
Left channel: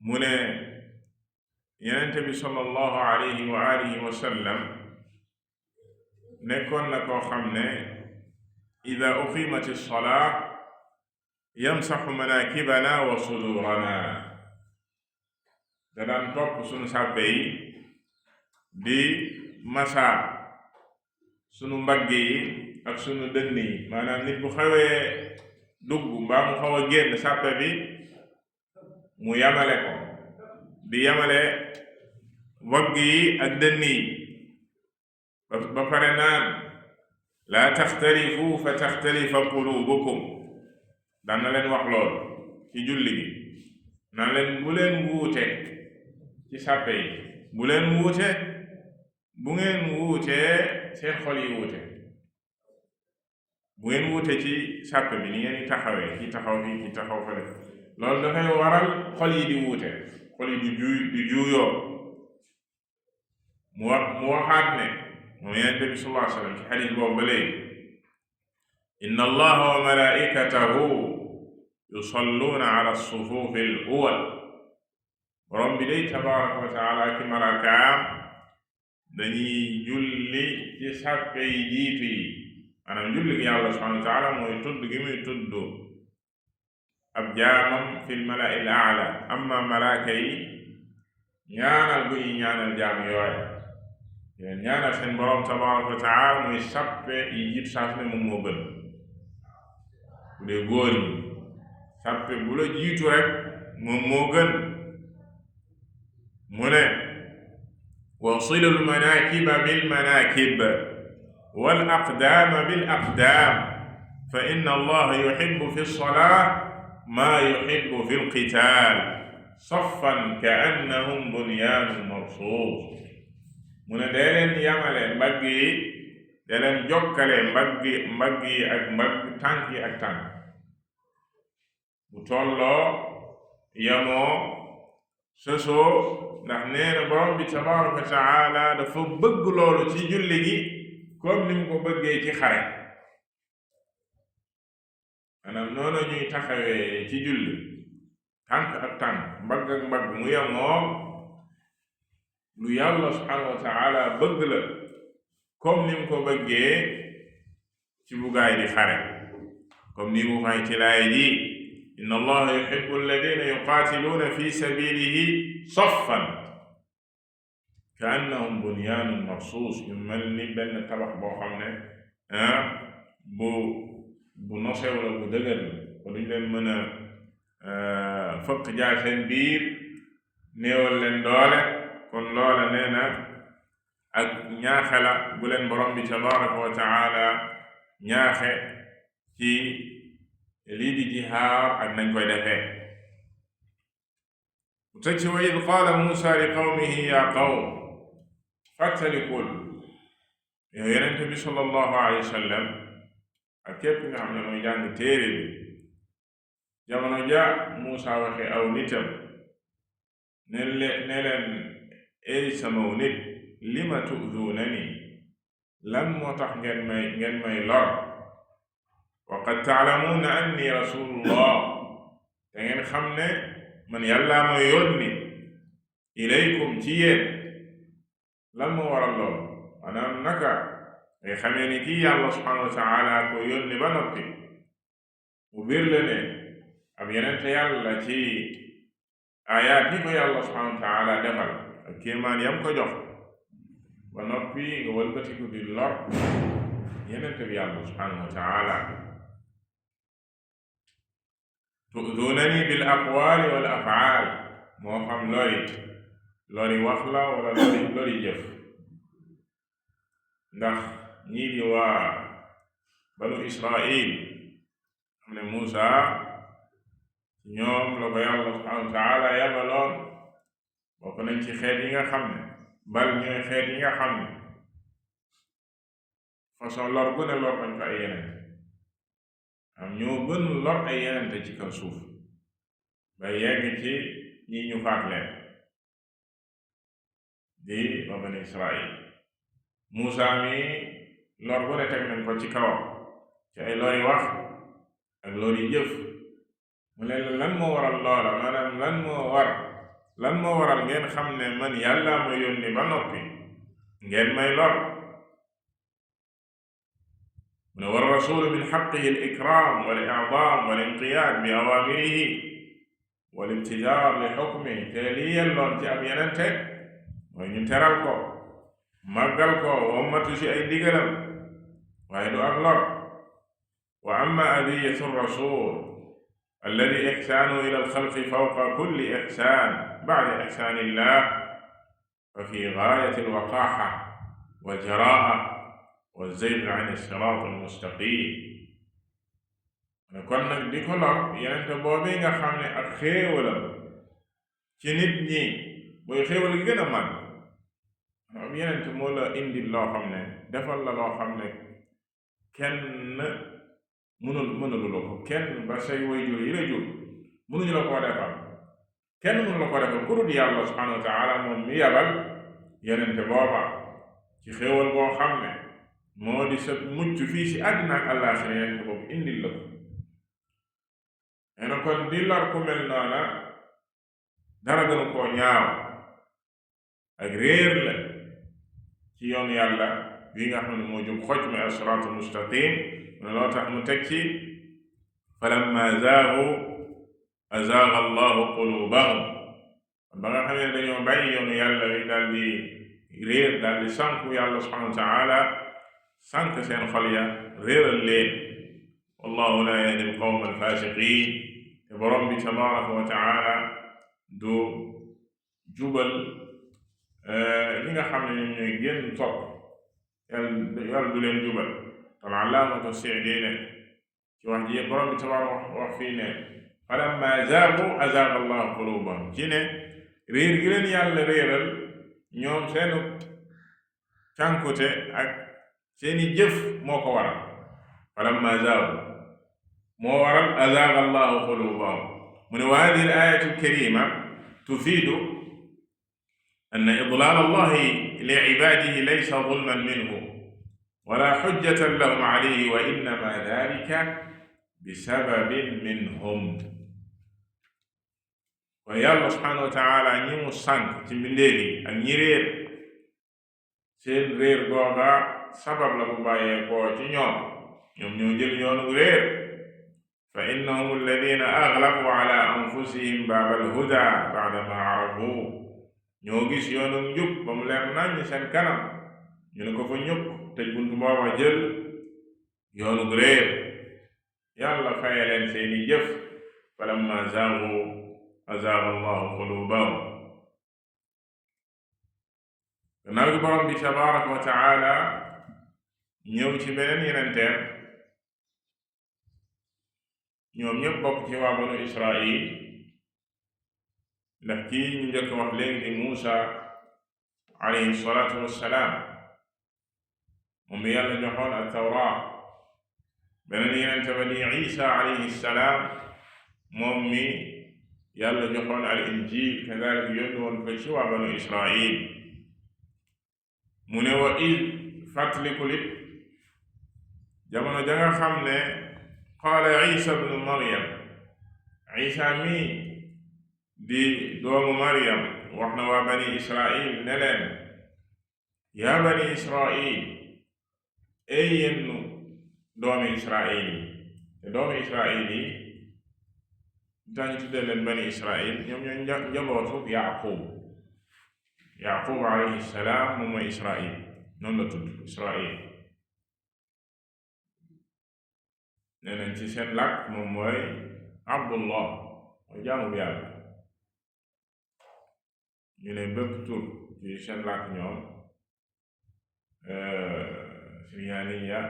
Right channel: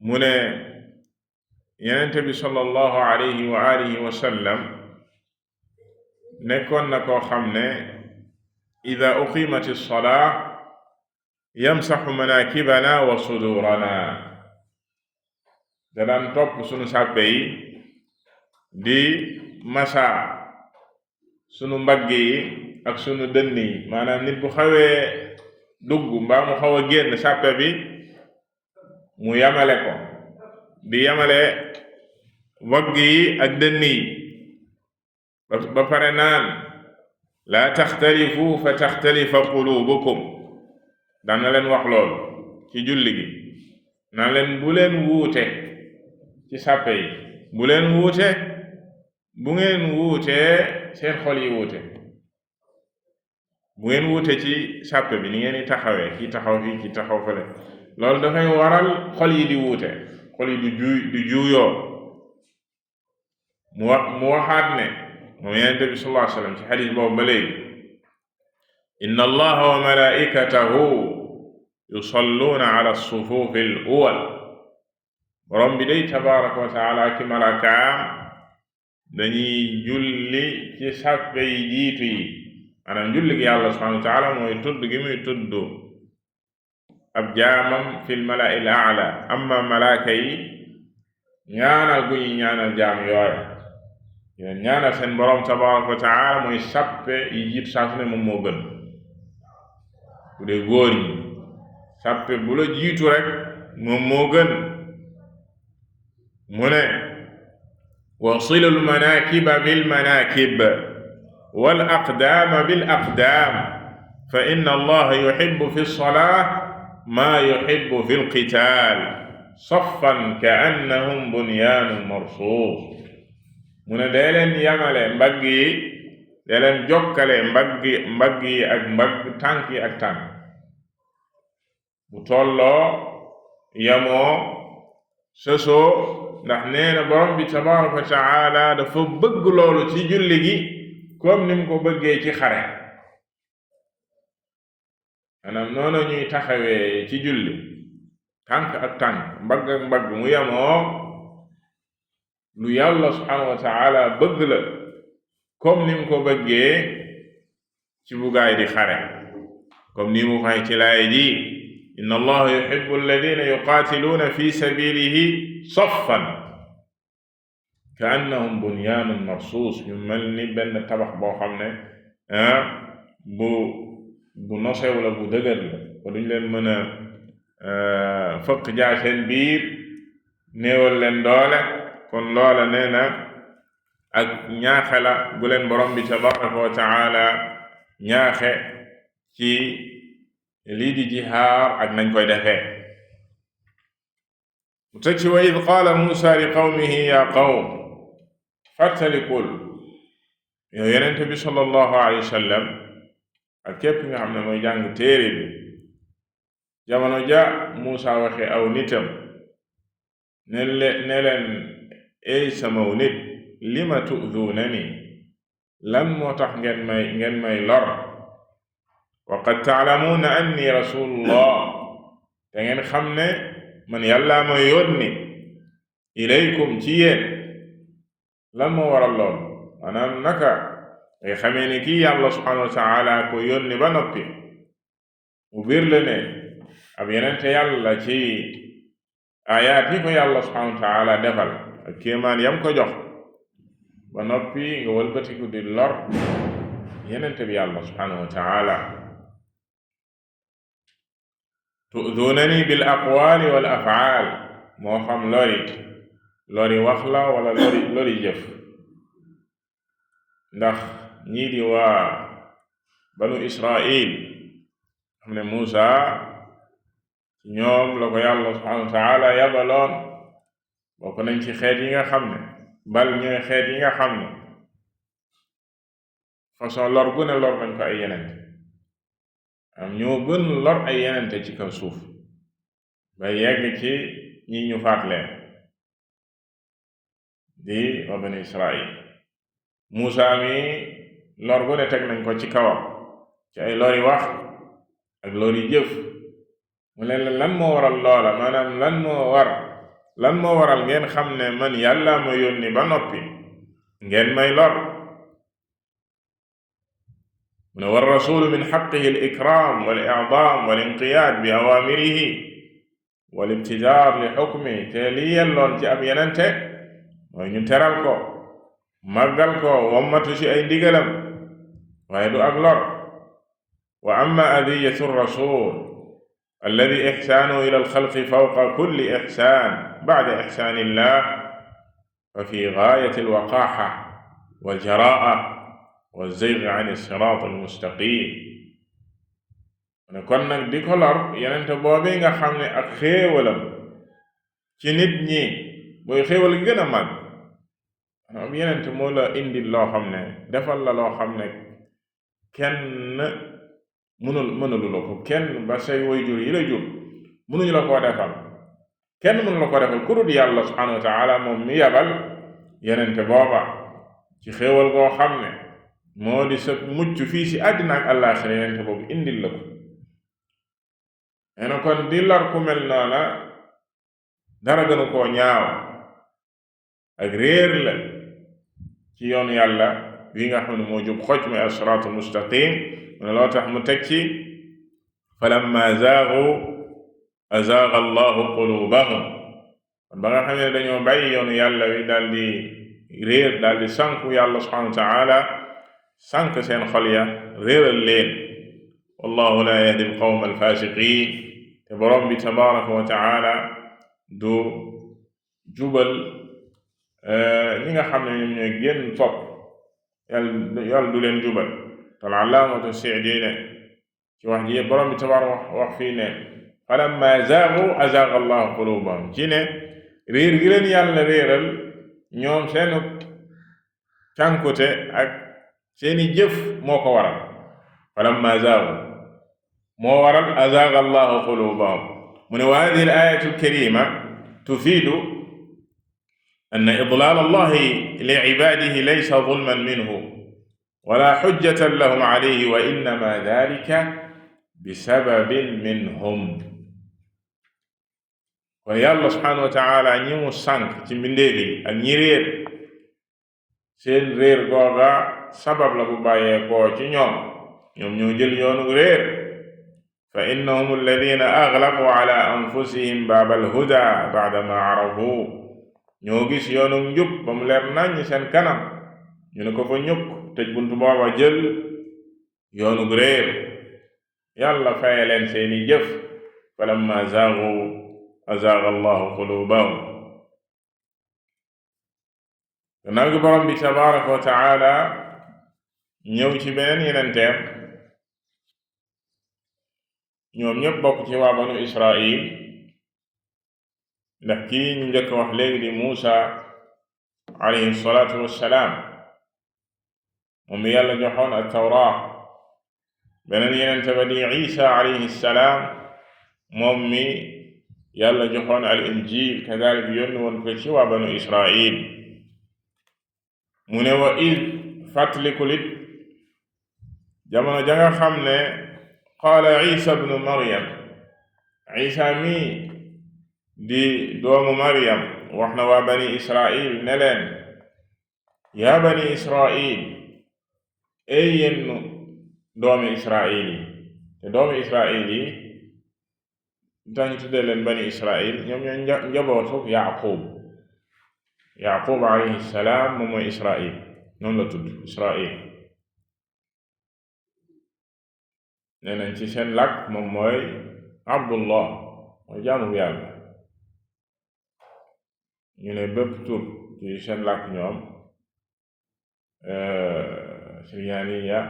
mu ne yenente bi sallallahu alayhi wa alihi wa sallam nekkoon na koo xam ne ida uqimat alsolaa yamsaxu manakibana wa sudurana da daan topp sunu sàppe yi di masa sunu mbagg yi ak sunu dënn yi maanaam nit bu xawee dugg mbaa mu xaw a génn sàppe bi mu yamale ko di yamale mbagg yi ak dënn yi ba pare naan laa taxtalifu fa taxtalifa qulubukum daan na leen wax loolu ci julli gi naan leen bu leen wuute ci sàppe yi bu leen wuute bu ngeen wuutee seen xol yi wuute bu ngeen wuute ci sàppe bi ni ngeen di taxawee ki taxaw fii ki taxaw fële loolu dafay waral xol yi di wuute xol yi du juuyoo mu waxaat ne moom Yonent bi sallallahu alayhi wa sallam ci xadiis boobu ba léegi inna allaha wa malaikatahu yusalluuna ala sufuufi al awwal borom bi day tabaraka wa taala ki malakaam dañuy julli ci sàppe yi jiitu yi maanaam julli gi yàlla subhanahu wa taala mooy tudd gi muy tudd ab jaamam fil mala'il a'la amma malaaka yi ñaanal gu ñuy ñaanal jaam yooyu yéen ñaanal seen borom tabaraka wa taala mooy sàppe yi jiitu saa su ne moom moo gën bu dee góor ñi sàppe bu la jiitu rek moom moo gën mu ne wasilul manakiba bil manakib wal aqdaama bil aqdaam fa inna allaha yuhibbu fi lsolaa maa yuhibbu fi lqitaal saffan ka annahum bunyaanun marsuus mu ne dee leen yamale mbagg yi dee leen jokkale mbagg yi ak mbagg tànk yi ak tànk bu tolloo yamoo sësoo ndax nee na borom bi tabaraka wa taala dafa bëgg loolu ci julli gi comme ni mu ko bëggee ci xare maanaam noonu ñuy taxawee ci julli tànk ak tànk mbagg ak mbagg mu yemoo lu yàlla subhanahu wa taala bëgg la comme ni mu ko bëggee ci bu gaay di xare comme ni mu fay ci laay ji inna allaha yuhibbu alladina yuqaatiluuna fi sabilihi saffan ka annahum bunyaanun marsuus yu mel ni benn tabax boo xam ne bu nosew la bu dëgër la ko duñ leen mën a fëkk jaar seen biir néewal leen doole kon loola nee na ak ñaaxe la bu leen borom bi tabaraka wa taala ñaaxe ci lii di jihaar ak nañ koy defee mu teg ci wa id qaala Muusa li qawmihi ya qawm fàttalikul yow yonente bi sallallahu alayhi wa sallam ak képp nga xam ne mooy jàng téere bi jamono ja Muusa waxe aw nitam ne leen ey samaw nit lima tu'dunani lan moo tax ngeen may lor wa qad ta'lamuuna anni rasulullah te ngeen xam ne man yàlla ma yónni ilaykum ci yéen lan moo waral lool maanaam naka ngay xamee ni kii yàlla subhanahu wa ta'ala ko yónni ba noppi mu biir la ne ab yenente yàlla ci ayaat yi ko yàlla subhanahu wa ta'ala defal ak kéemaan yam ko jox ba noppi nga wëlbatiku di lor yenente bi yàlla subhanahu wa ta'ala tu'dunani bil aqwaali wal af'aal moo xam lori wax la wala lori jëf ndax ñii di waa banu Israil xam ne Muusa ñoom la ko yàlla subhanahu wa ta'ala yabaloon bokk nañ ci xeet yi nga xam ne bal ñooy xeet yi nga xam ne façon lor gu ne lor nañ ko ay yenente am ñoo gën lor ay yenente ci kaw suuf ba yegg ci ñi ñu faat leen di waa bani Israil Muusa mi lor gu ne teg nañ ko ci kawam ci ay lori wax ak lori jëf mu leen lan moo waral loola maanaam lan moo waral ngeen xam ne man yàlla ma yónni ba noppi ngeen may lor mu ne war rasulu min xaqihi al ikram wal i'dam wal inqiyaad bi awaamirihi wal ibtidaar li xukmi te li yelloon ci ab yenente mooy ñu teral ko màggal ko wommatu ci ay ndigalam waaye du ak lor wa amma adiyatu rasul alladi ixsaanu ila alxalqi fawqa kulli ixsaan bacda ixsaanillah fa fi gaayati alwaqaaxa waljaraa walzayg an alsiraat almustaqim ne kon nag di ko lor yenente boobi nga xam ne ak xéewalam ci nit ñi booy xéewal gën a mag am yenente moo la indi loo xam ne defal la loo xam ne kenn mënulu la ko kenn ba say waajur yi la jur mënuñu la koo defal kenn mënu la ko defal ku dul yàlla subhanahu wa ta'ala moom mi yabal yenente booba ci xéewal goo xam ne moo di sa mucc fii ci àddina ak àllaaxira yenente boobu indil la ko nee na kon di lor ku mel noona dara gënu koo ñaaw ak réer la ci yoon yàlla wi nga xam ne moo jub xoj mi as-siraatul mustaqim mu ne loo tax mu teg ci falamma zaagu azaaga allahu qulubahum kon ba nga xam ne dañoo bàyyi yoonu yàlla wi daal di réer daal di sànku yàlla subhanahu wa ta'ala sànk seen xol ya réeral leen wallahu la yahdi alqawma alfasiqin te borom bi tabaraka wa ta'ala du jubal ñi nga xam ne ñoom ñooy génn topp yàlla du leen jubal tal allaamatu Sa'di ne ci wax ji borom bi tabaaraka wax fii ne falammaa zaagu azaaga allahu quluubahum ci ne réer gi leen yàlla réeral ñoom seen cànkute ak seeni jëf moo ko waral falammaa zaagu moo waral azaaga allahu quluubahum mu ne wa haadihi al-aayatu al-kariima tufiidu anna idlaal allahi li cibaadihi laysa zulman minhu wala xujjatan lahum alayhi wa innama dalika bisababin minhum kon yàlla subhanahu wa taala ñi mu sànk ci mbindeef yi ak ñi réer seen réer googa sabab la bu bàyyeekoo ci ñoom ñoo jël yoonu réer fa innahum alladina aglaqu ala anfusihim baab alhuda ba'da ma arafu ñoo gis yoonu njub ba mu leer nañ seen kanam ñu ne ko fa ñukk tëj buntu booba jël yoonu réer yàlla faye leen seeni jëf falamma zaagu azaaga allahu qulubahum gannaaw gi borom bi tabaraka wa taala ñëw ci beneen yenenteem ñoom ñépp bokk ci waa banu Israil ndax kii ñu njëkk wax léegi di Muusa alayhi salaatu wassalaam moom mi yàlla joxoon ak tawraa beneen yenente ba di Isa alayhi salaam moom mi yàlla joxoon al injil kadalik yónni woon ko ci waa banu Israil mu ne wa id fàttalikulit jamono ja nga xam ne qaala Isa bnu Maryam Isa mi di doomu Maryam wax na waa bani Israil ne leen yaa bani Israil ey yéen doomi Israil yi te doomi Israil yi tax ñu tuddee leen bani Israil ñoom ñoo njabootu Yaqub alayhi salaam moom mooy Israil noonu la tudd Israil nee nañ ci seen làkk moom mooy Abdullah mooy jaamu yàlla ñu ne bépp tur ci seen làkk ñoom siryaaniya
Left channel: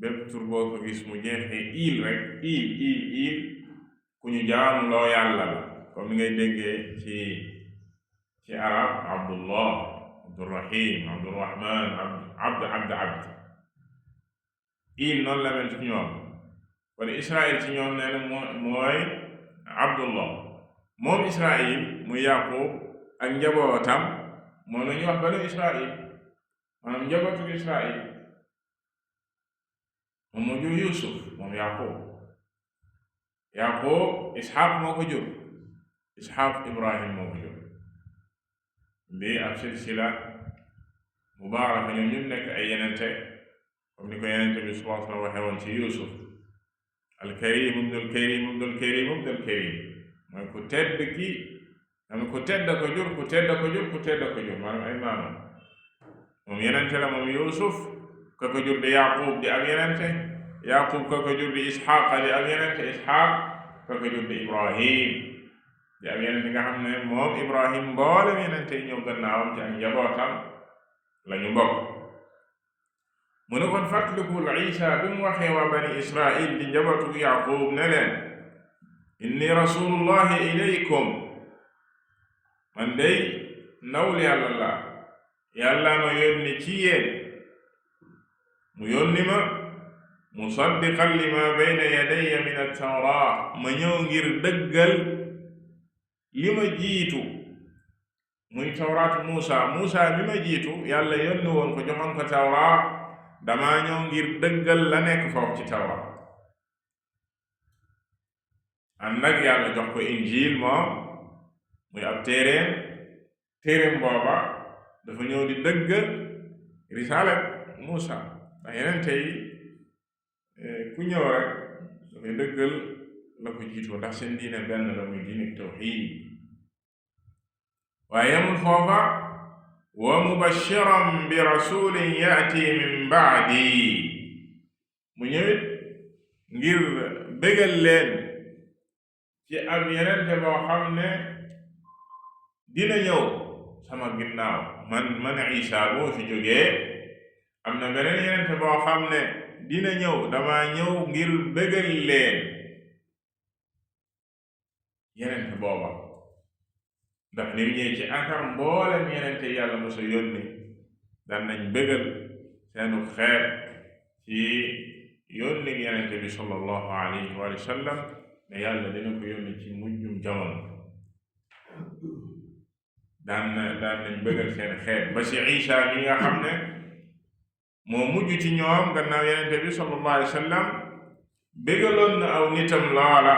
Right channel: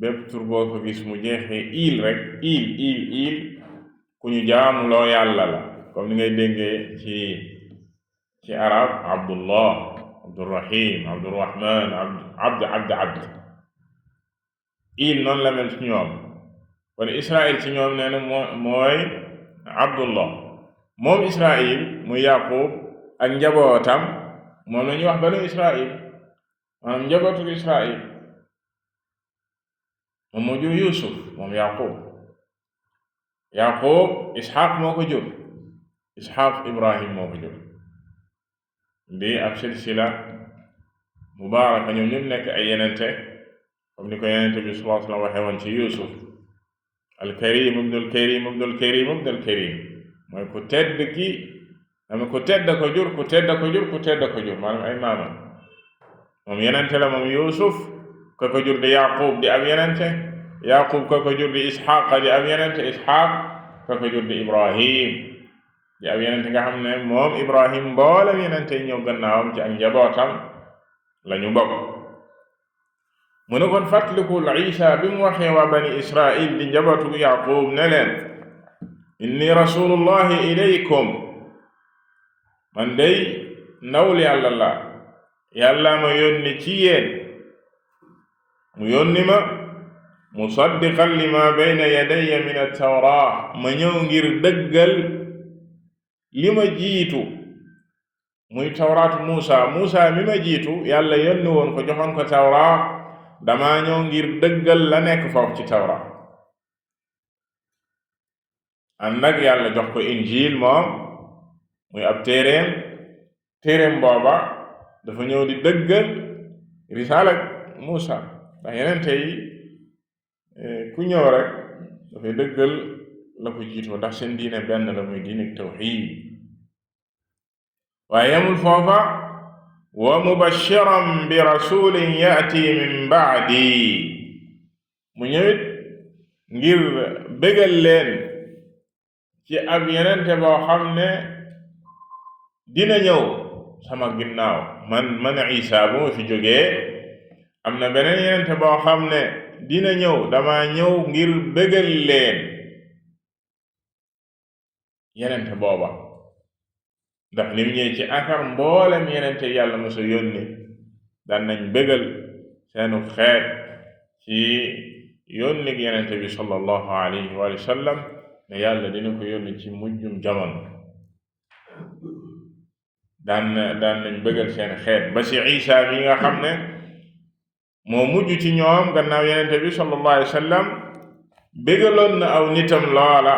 bépp tur boo ko gis mu jeexee il rek il ku ñu jaamu loo yàlla la comme ni ngay déggee ci arab Abdullah Abdurrahim Abdurrahman abd il noonu la mel ci ñoom kon Israil ci ñoom nee na mooy Abdullah moom Israil muy Yaqub ak njabootam moom la ñuy wax banu Israil maanaam njabootu Israil moom moo jur Yusuf moom Yaqub Ishaq moo ko jur Ishaq Ibrahim moo ko jur di ab silsila mubaaraka ñoom ñëpp nekk ay yenente comme ni ko yenente bi sallallahu alayhi wa sallam waxee woon ci Yusuf al-Karim ibnul Karim ibnul Karim ibnul Karim mooy ku tedd ki am ku tedd ko jur ku tedd ko jur ku tedd ko jur maanaam ay maamam moom yenente la moom Yusuf ka ko jur di Yaqub di ab yenente Yaqub ka ko jur di Ishaq di ab yenente Ishaq ka ko jur di Ibrahim di ab yenente nga xam ne moom Ibrahim mboolem yenente ñëw gannaawam ci ak njabootam la ñu bokk mu ne kon fàttalikul Isa bi mu waxee waa bani Israil di njabootu Yaqub ne leen inni rasulullahi ilaykum man day ndawul yàlla la yàlla ma yónni ci yéen mu yónni ma musaddiqan lima bayna yadayya min at-tawra ma ñëw ngir dëggal li ma jiitu muy tawraatu Muusa mi ma jiitu yàlla yónni woon ko joxoon ko tawra dama ñëw ngir dëggal la nekk foofu ci tawra ànd nag yàlla jox ko injil moom muy ab téeréem booba dafa ñëw di dëggal risaala Muusa ndax yeneen tey ku ñëw rek dafay dëggal la ko jiitoo ndax seen diine benn la muy diine tawxiid waaye yemul foofa wa mubashiran bi rasulin yaati min baadi mu ñëwit ngir bégal leen ci ab yenente boo xam ne dina ñëw sama ginnaaw man Isa bu ma fi jógee am na beneen yenente boo xam ne dina ñëw dama ñëw ngir bégal leen yenente booba ndax li mu ñëwee ci akar mboolem yenente yàlla mosa yónni daan nañ bégal seenu xeet ci yónni gi yenente bi sallallahu alayhi wa sallam ne yàlla dina ko yónni ci mujjum jamono daan nañ bëggal seen xeet ba ci Isa mi nga xam ne moo mujj ci ñoom gannaaw yenente bi sallallahu alayhi wa sallam bëggaloon na aw nitam loola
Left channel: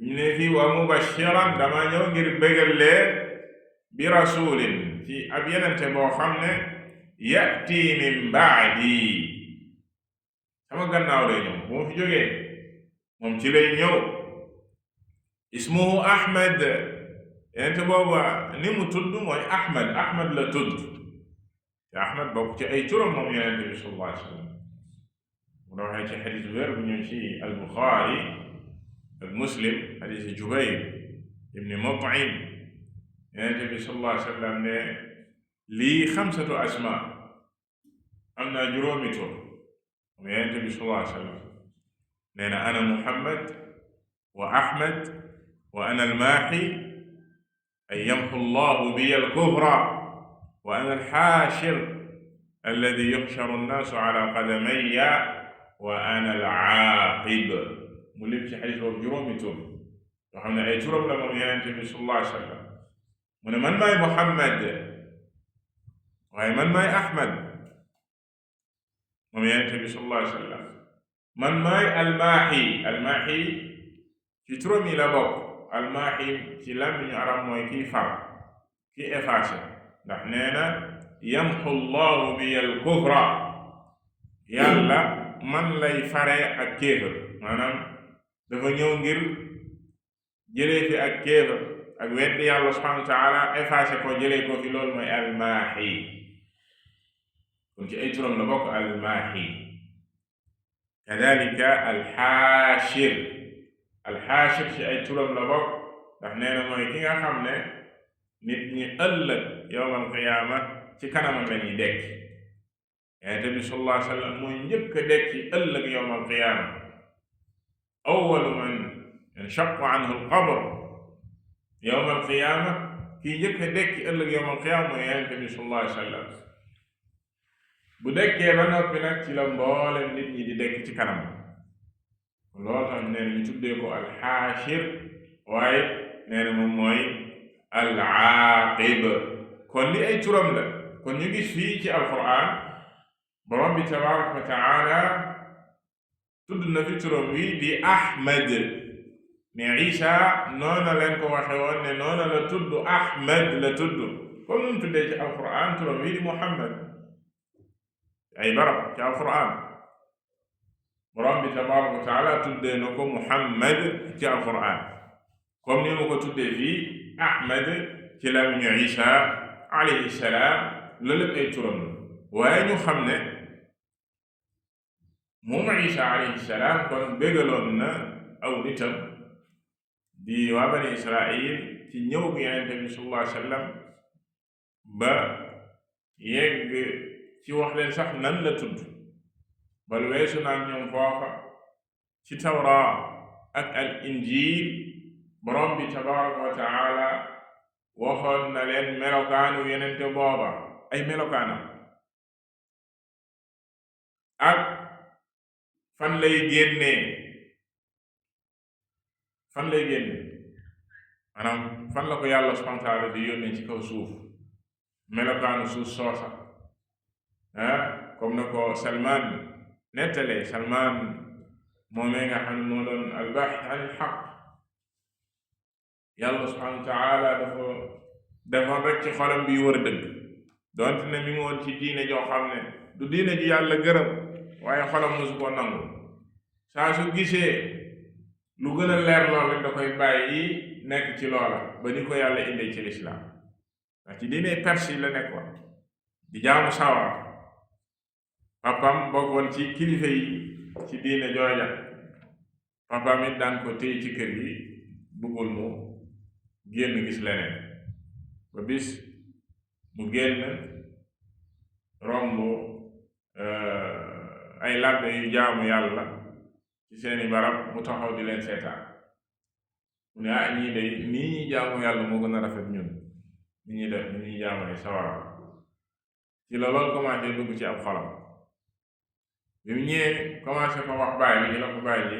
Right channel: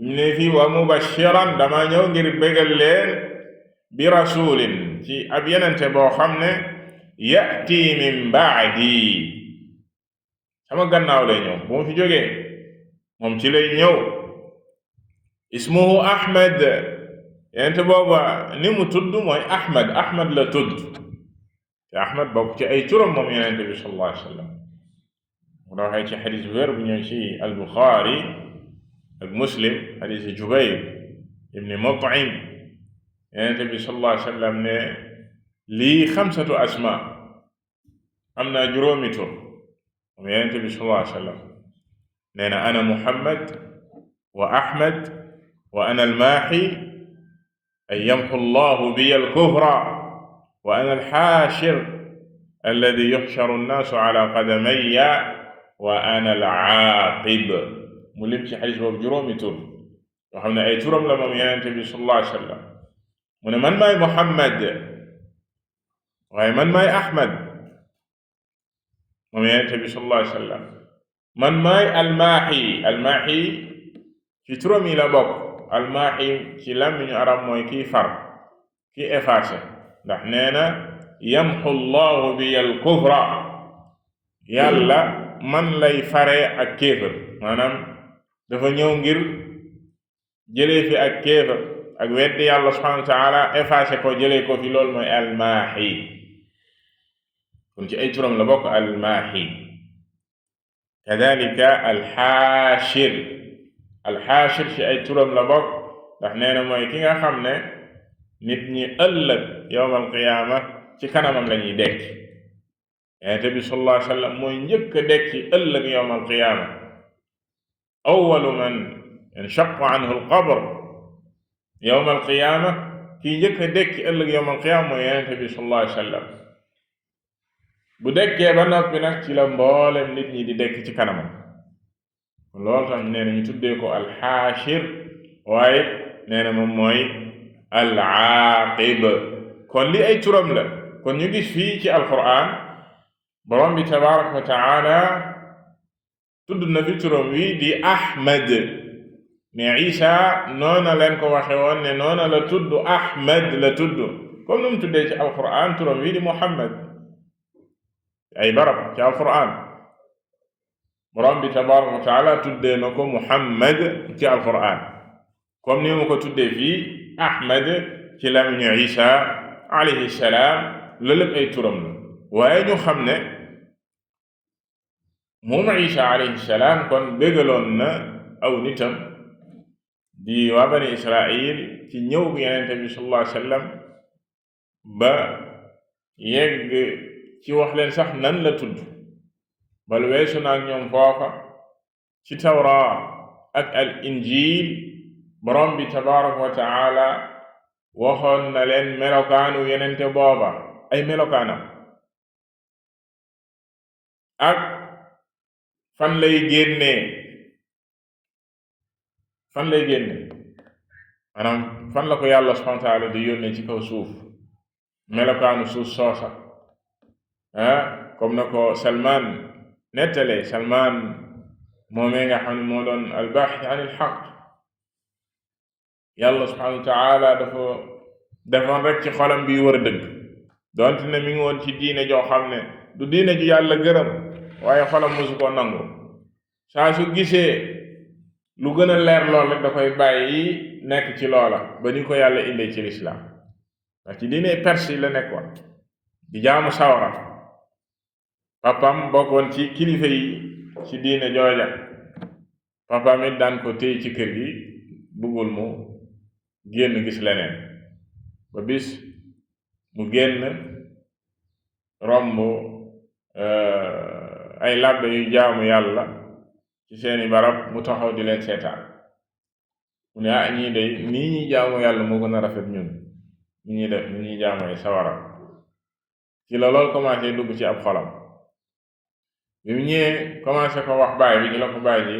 ne fii wa mubashiran dama ñëw ngir bëggal leen bi rasulin ci ab yenente boo xam ne yati min baadi sama gannaaw lay ñëw bu ma fi jógee moom ci lay ñëw ismuhu Ahmad yenente booba ni mu tudd mooy Ahmad la tudd te Ahmad bokk ci ay turam moom yenente bi sallallahu alayhi wa sallam mu waxee ci xadis wér bu ñëw ci al-Buxaari ak Muslim xadis Jubayr ibni Mut'im Yonent bi sallallahu alayhi wa sallam ne lii 5 asma am naa juróomi tur moom Yonent bi sallallahu alayhi wa sallam nee na ana Muhammad wa Ahmad wa ana al-Maahi ay yamhu Allahu biya al-kufra wa ana al-haashir alladi yuhsharu an-naasu ala qadamayya wa ana al-aaqib mu lim ci xadis boobu juróomi tur yoo xam ne ay turam la moom Yonent bi sallallahu alayhi wa sallam mu ne man maay Muhammad waaye man maay Ahmad moom Yonent bi sallallahu alayhi wa sallam man maay almaaxi ci turam yi la bokk almaaxi ci làmmiñu arab mooy kiy far kiy effacé ndax nee na yamxu llahu bi al kufra yàlla man lay fare ak kéefër maanaam dafa ñëw ngir jëlee fi ak kéefër ak weddi yàlla subhanahu wa taala effacé ko jëlee ko fi loolu mooy almaaxi kon ci ay turam la bokk almaaxi kadalika alxaashir ci ay turam la bokk ndax nee na mooy ki nga xam ne nit ñi ëllëg yowmal qiyaama ci kanamam la ñuy dekki Yonent bi sallallahu alayhi wa sallam mooy njëkk a dekki ëllëg yowmal qiyaama awwalu man inshaqqa anhu alqabr yowmal qiyaama kii njëkk a dekki ëllëg yowmal qiyaama mooy Yonent bi sallallahu alayhi wa sallam bu dekkee ba noppi nag ci la mboolem nit ñi di dekk ci kanamam loolu tax nee na ñu tuddee ko alxaashir waaye nee na moom mooy al-aaqib kon li ay turam la kon ñu gis fii ci alquran borom bi tabaraka wa taala tudd na fi turam wi di Ahmad ne Isa noona leen ko waxe woon ne noona la tudd Ahmad la tudd comme nu mu tuddee ci alquran turam wi di Muhammad ay barab ci alquran borom bi tabaraka wa taala tuddee na ko Muhammad ci alquran comme ni mu ko tuddee fii Ahmad ci làmmiñu Isa alayhi salaam loolu lépp ay turam la waaye ñu xam ne moom Isa alayhi salaam kon bégaloon na aw nitam di waa bani Israil ci ñëw bi Yonent bi sallallahu alayhi wa sallam ba yegg ci wax leen sax nan la tudd bal weesu naa ñoom foofa ci tawra ak al injil borom bi tabaraka wa taala waxoon na leen melokaanu yenente booba ay melokaanam ak fan lay génnee maanaam fan la ko yàlla subhanahu wa taala di yónnee ci kaw suuf melokaanu suuf soosa comme na ko Salman nettalee Salman moomee nga xam ne moo doon albaaxis an il xaq yàlla subhanahu wa taala dafa defoon rek ci xolam bi war a dëgg donte ne mi ngi woon ci diine joo xam ne du diine ji yàlla gërëm waaye xolam mosu koo nangu saa su gisee lu gën a leer lool rek da koy bàyyi nekk ci loola ba ni ko yàlla indee ci lislaam ndax ci diine perse yi la nekkoon di jaamu sawara papam bokkoon ci kilifa yi ci diine jooja papam it daan ko téy ci kër gi bëggul mu génn gis leneen ba bis mu génn romb ay làbbe yu jaamu yàlla ci seeni barab mu taxaw di leen seetaan mu ne ñii day nii ñuy jaamu yàlla moo gën a rafet ñun ni ñuy def ni ñuy jaamu ay sawara ci la loolu commencé dugg ci ab xolam bi mu ñëwee commencé ko wax baay bi ci la ko baay ji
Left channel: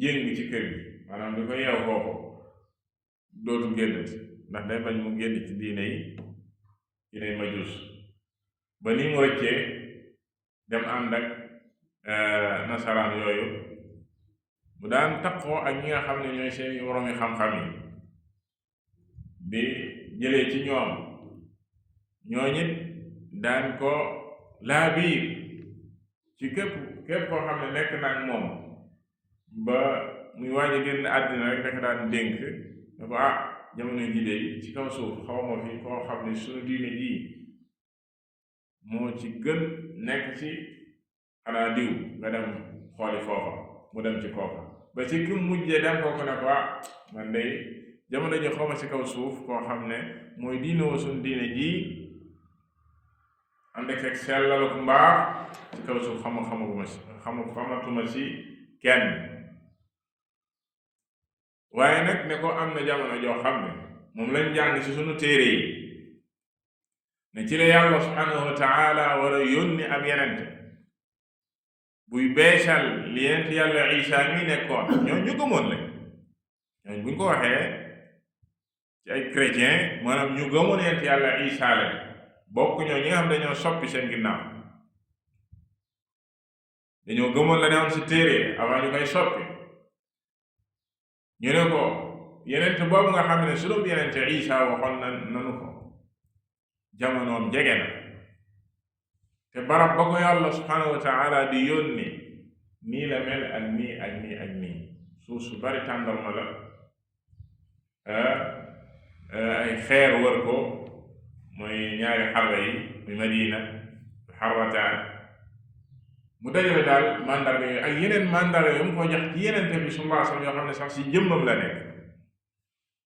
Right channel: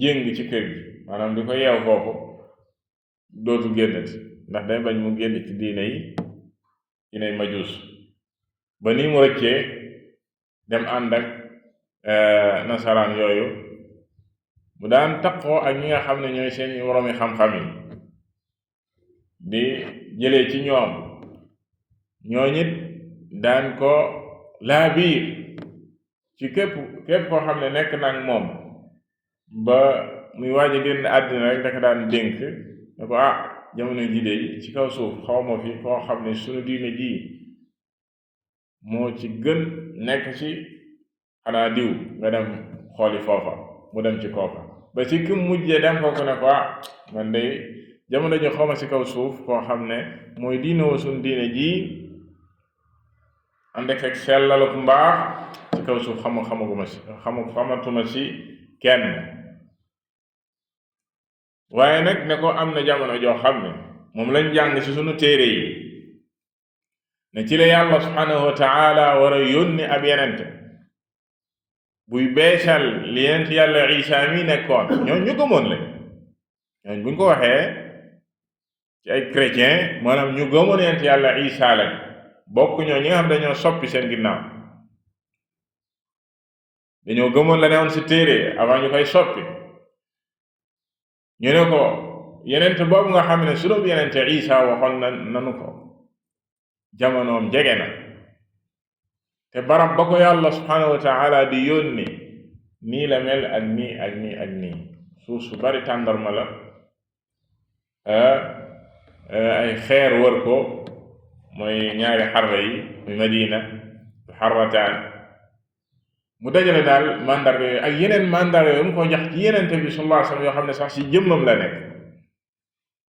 jéng ci kër gi maanaam di ko yeew foofu dootu génnati ndax day bañ mu génn ci diiney majuus ba ni mu rëccee dem ànd ak nasaraan yooyu mu daan taqoo ak ñi nga xam ne ñooy seen woroomi xam-xam yi di jëlee ci ñoom ñooñit daan ko laa biir ci képp koo xam ne nekk nag moom ba muy waaj a génn àddina rek daka daan dénk ne ko jamono ji de ci kaw suuf xawma fi koo xam ne sunu diine ji moo ci gën nekk ci xanaa diw nga dem xooli foofa mu dem ci kooka ba ci ki mujjee dem kooku ne ko man de jamono ji xawma ci kaw suuf koo xam ne mooy diine wa suñ diine ji ànd ak sellal ku mbaax ci kaw suuf xamatuma ci kenn. waaye nag ne ko am na jamono joo xam ne moom lañ jàng ci sunu téere yi ne ci la yàlla subhanahu wa taala war a yónni ab yenente buy beesal li yenent yàlla Isa mi nekkoon. ñoo ñu gëmoon la ñooñ buñ ko waxee ci ay chrétien maanaam ñu gëmoon yenent yàlla Isa lañ bokk ñoo ñi nga xam dañoo soppi seen ginnaaw, dañoo gëmoon la ne woon ci téere avant ñu koy soppi. ñu ne ko yenent boobu nga xam ne sunub yenent Isa waxoon nanu ko jamonoom jege na te barab ba ko yàlla subhanahu wa taala di yónni nii la mel ak nii ak nii ak nii, suuf su bari tàndarma la, ay xeer wër ko mooy ñaari xarra yi muy Madina xarrataan, mu dajale daal mandarga yooyu ak yeneen mandarga yooyu mu ko jax ci yenente bi sallallahu alayhi wasallam yoo xam ne sax ci jëmmam la nekk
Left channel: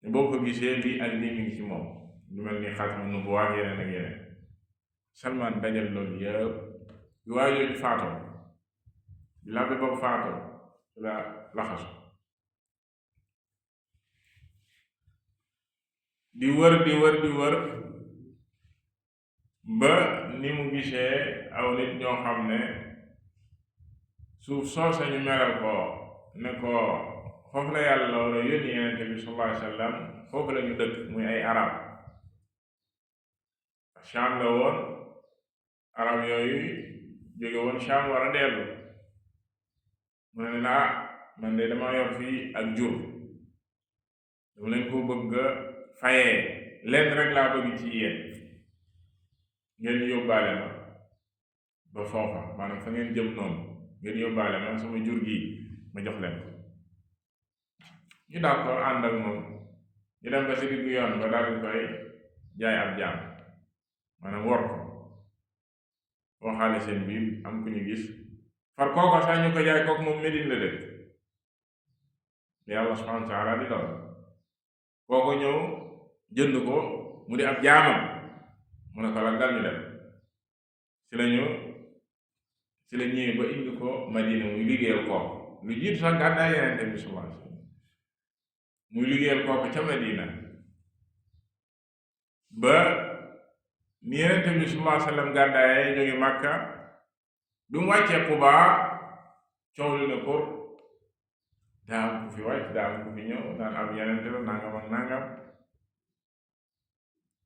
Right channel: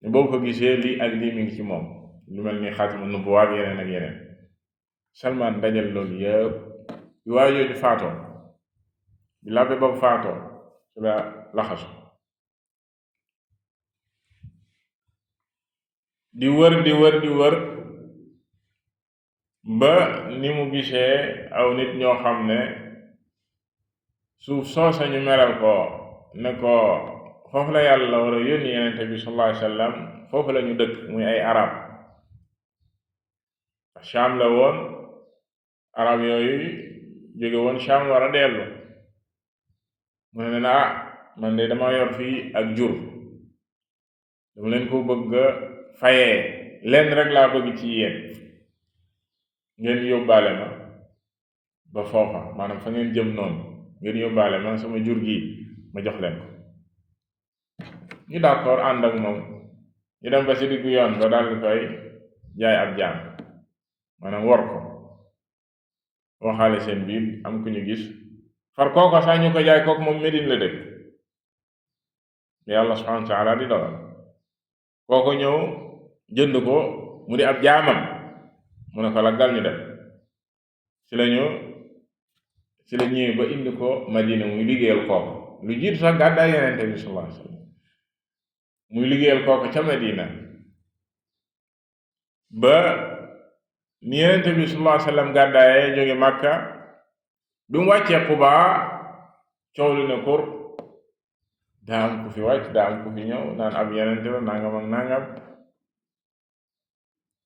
ne boo ko gisee lii ak lii mi ngi ci moom, lu mel ni xaatama nubuwwa ak yeneen ak yeneen. Salmaan dajal loolu yëpp bi waaye jooju faatoo, bi labbe boobu faatoo su la laxasu di wër ba ni mu gisee aw nit ñoo xam ne suuf soosa ñu melal ko ne ko foofu la yàlla war a yónni yenente bi sallallahu alayhi wasallam, foofu la ñu dëkk muy ay arab. Sham la woon, arab yooyu jóge woon Sham war a dellu, mu ne man de dama yor fii ak jur, dama leen ko bëgg a fayee, leen rek laa bëgg ci yéen, ngeen yóbbaale ma ba foofa, maanaam fa ngeen jëm noonu ngeen yóbbaale ma sama jur gi ma jox leen ko. ñu d'accord ànd ak moom, ñu dem ba ci diggu yoon ba daal di koy jaay ab jaam, maanaam wor ko, waxaale seen biir am ku ñu gis far kooko sax ñu ko jaay kooku moom Medine la dëkk, yàlla subhanahu wa taala di dogal kooko ñëw jënd ko mu di ab jaamam, mu ne ko laggal ñu dem. ci la ñëwee ba indi ko Madina muy liggéeyal kooku lu jiitu sax gàddaay Yonent bi sallallahu alayhi wasallam, muy liggéeyal kooku ca Madina ba ni Yonent bi sallallahu alayhi wasallam gàddaayee jóge Makka. bi mu wàccee Quba coow li ne kur, daa am ku fi wàcc, daa am ku fi ñëw naan ab Yonent la nangam ak nangam.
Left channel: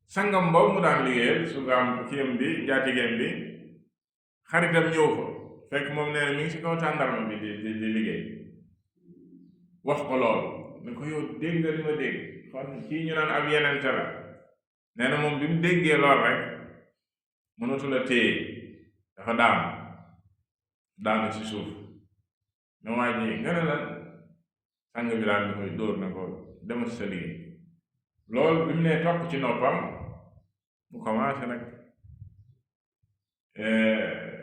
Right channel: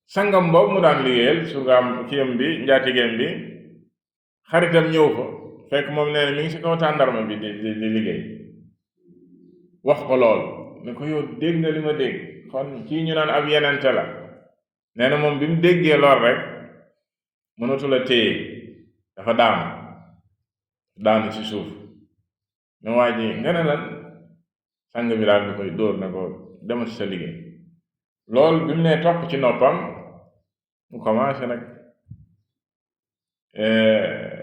sangam boobu mu daan liggéeyal surgaam kiyam bi njaatigéem bi xaritam ñëw fa fekk moom nee na mi ngi ci kaw tàndarma bi di liggéey, wax ko lool ne ko yow dégg nga li ma dégg, kon kii ñu naan ab yenente la. nee na moom bi mu déggee lool rek mënatul a téye, dafa daanu ci suuf. ne waa ji nga ne lan, sang bi daal di koy dóor na ko demal ci sa liggéey. loolu bi mu ne topp ci noppam mu commencé nag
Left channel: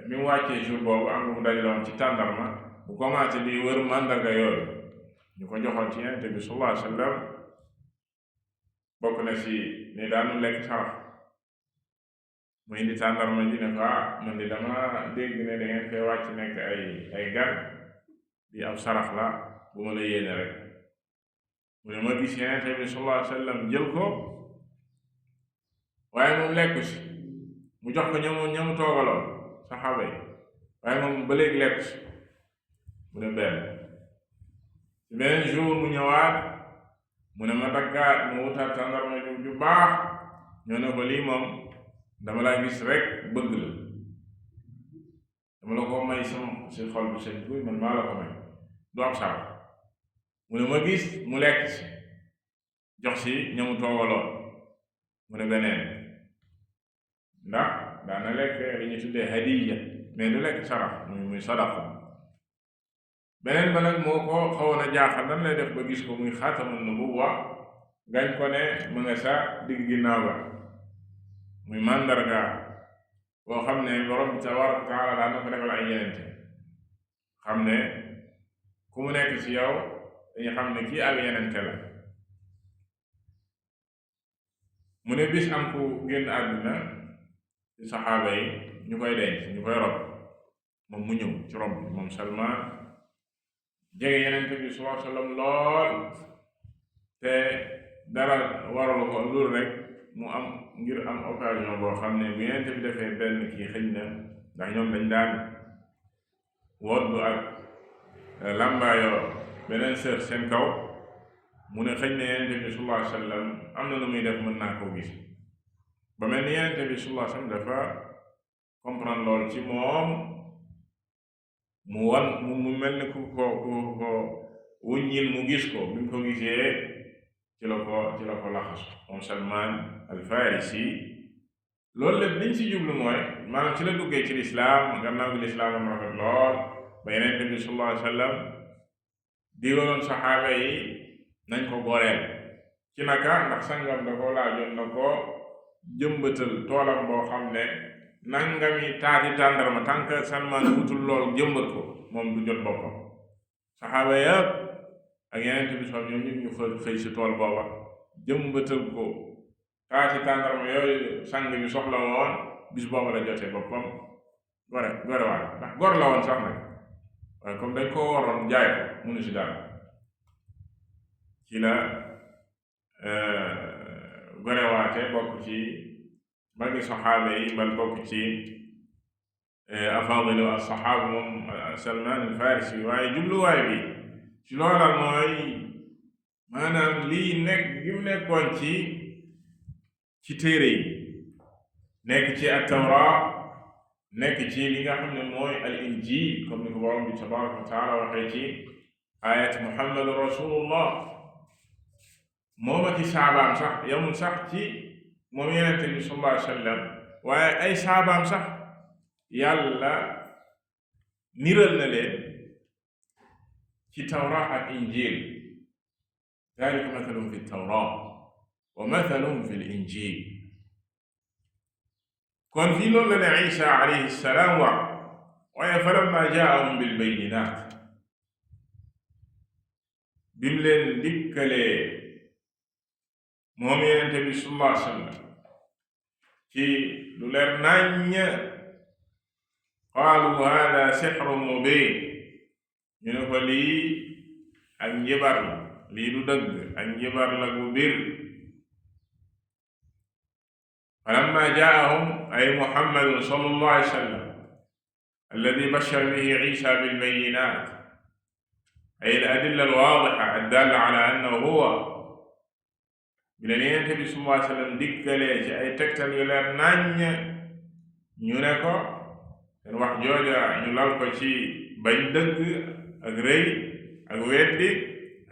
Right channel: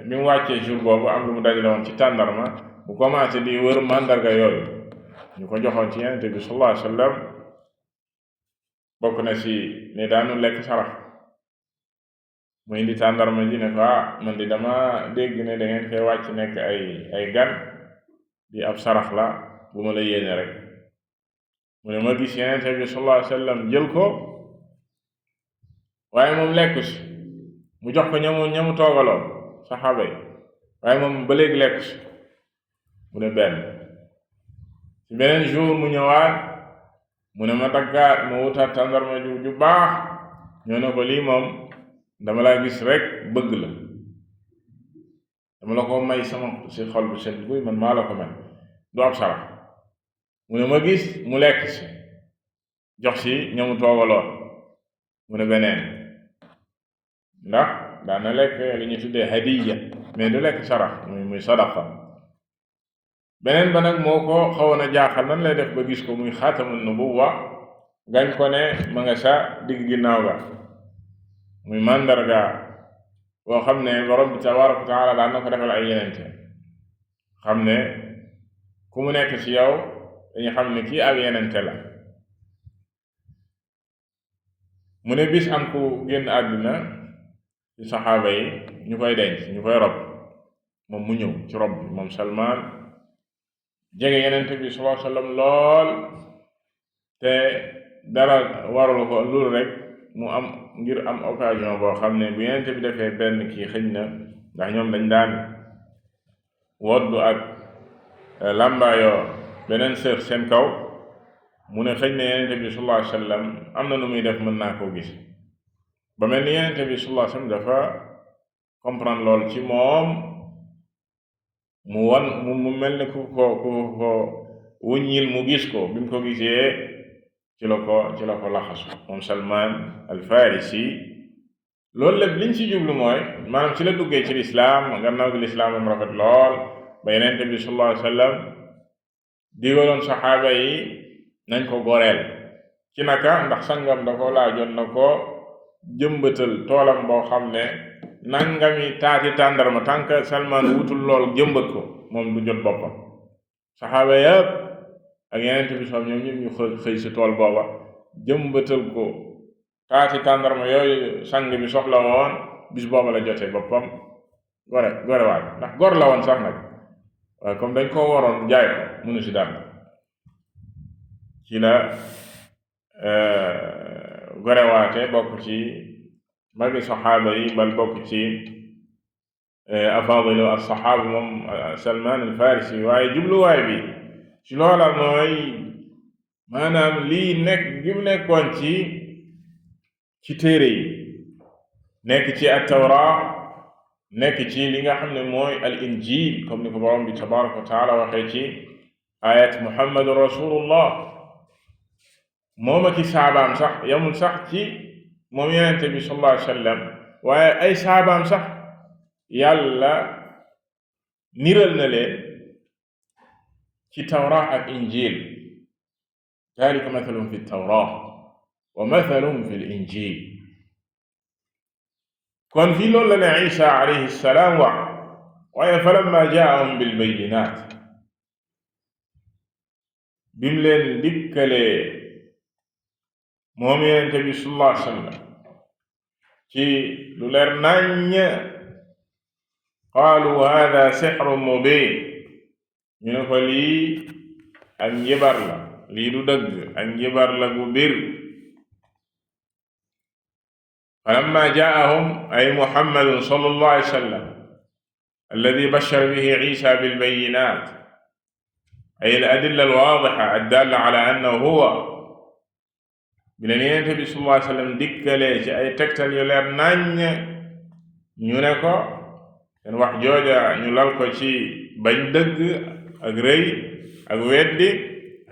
mi mu wàccee jour boobu am lu mu dajale woon ci tàndarma, mu commencé di wër mandarga yooyu ñu ko joxoon ci Yonent bi sallallahu alayhi wasallam. bokk na ci ne daanu lekk sarax, mu indi tàndarma ji ne ko man di dama dégg ne da ngeen fee wàcc nekk ay gan, di ab sarax la bu ma la yéene rek. mu ne ma gis Yonent bi sallallahu alayhi wasallam jël ko waaye moom lekku si, mu jox ko ñamu toogaloon saxaaba yi, waaye moom ba léegi lekku si. mu ne benn ci beneen jour mu ñëwaat, mu ne ma daggaat ma wutaat tàndarma ju baax, ñoo ne ko lii moom dama laa gis rek bëgg la, dama la ko may sama si xol bu set guy, man maa la ko may, du ab sarax. mu ne ma gis mu lekk si, jox si ñamu toogaloon. mu ne beneen, ndax daana lekk li ñu tuddee hadiya mais du lekk sarax muy sadaqa. beneen ba nag moo ko xawoon a jaaxal, nan lay def ba gis ko muy xaatamun nubuwwa gañ ko ne ma nga sa digg ginnaaw ga muy màndarga boo xam ne borom bi tabaraka wa taala daan na ko defal ay yenente xam ne ku mu nekk ci yow dañu xam ne kii ab yenente la. mu ne bis am ku génn àdduna ci saxaaba yi ñu koy denc ñu koy rob moom mu ñëw ci rob bi moom Salmaan jege yenente bi sallallahu alayhi wa sallam lool te dara waral ko loolu rek mu am ngir am occasion boo xam ne bu yenente bi defee benn kii xëj na ndax ñoom dañ daan woddu ak làmbaayoo beneen sër seen kaw mu ne xëj na yenente bi sallallahu alayhi wa sallam am na nu muy def mën naa koo gis ba mel ni yenente bi sallallahu alayhi wa sallam dafa comprendre lool ci moom mu mel ni ku ko wuññil mu gis ko bi mu ko gisee ci la ko laxasu moom Salmaan al Farisi. loolu la liñ ci jublu mooy maanaam ci la duggee ci lislaam gannaaw gi lislaam am rafet lool ba yenente bi sallallahu alayhi wa sallam digaloon saxaaba yi nañ ko goreel ci naka ndax sangam da ko laajoon na ko jëmbatal toolam boo xam ne nangami taati tàndarma tànk Salmaan wutul lool jëmbat ko moom du jot boppam. saxaaba yëpp ak yenente bi sallam ñoom ñëpp ñu xëy ci tool booba jëmbatal ko taati tàndarma yooyu sang bi soxla woon bis booba la jotee boppam gore waat ndax gor la woon sax nag waaye comme dañ koo waroon jaay ko mënu ci dara ci la gorewaate bokk ci magi saxaaba yi bal bokk ci afaadilu as-saxaaba moom Salmaan al-Farisi waaye jubluwaay bi ci loola mooy maanaam lii nekk gi mu nekkoon ci téere yi nekk ci at-Tawraat nekk ci li nga xam ne mooy al-Injiil comme ni ko borom bi tabaaraka wa taala waxee ci ayat Muhammadu Rasulullah moom ak i saabaam sax yamul sax ci moom yenente bi sallallahu alayhi wa sallam waaye ay saabaam sax yàlla niral na leen ci tawra ak injil dalika mathalum fi tawra wa mathalum fi injil. kon fii loolu la ne Isa alayhi salaam wax waaye falamma jaahum bil bayyinaat bim leen dikkalee moom yenente bi sallallahu alayhi wa sallam ci lu leer naññ qaalu hada sihrun mubin ñu ne ko lii ak njibar la lii du dëgg ak njibar la gu bir. falamma jaahum ay muhammadun sallallahu alayhi wa sallam alladi bashara bihi isa bilbayinat ay al adilla al waadixa addalla ala annahu huwa bi leen yenente bi sallallahu alayhi wa sallam dikkalee ci ay tegtal yu leer naññ ñu ne ko seen wax jooja ñu lal ko ci bañ dëgg ak rëy ak weddi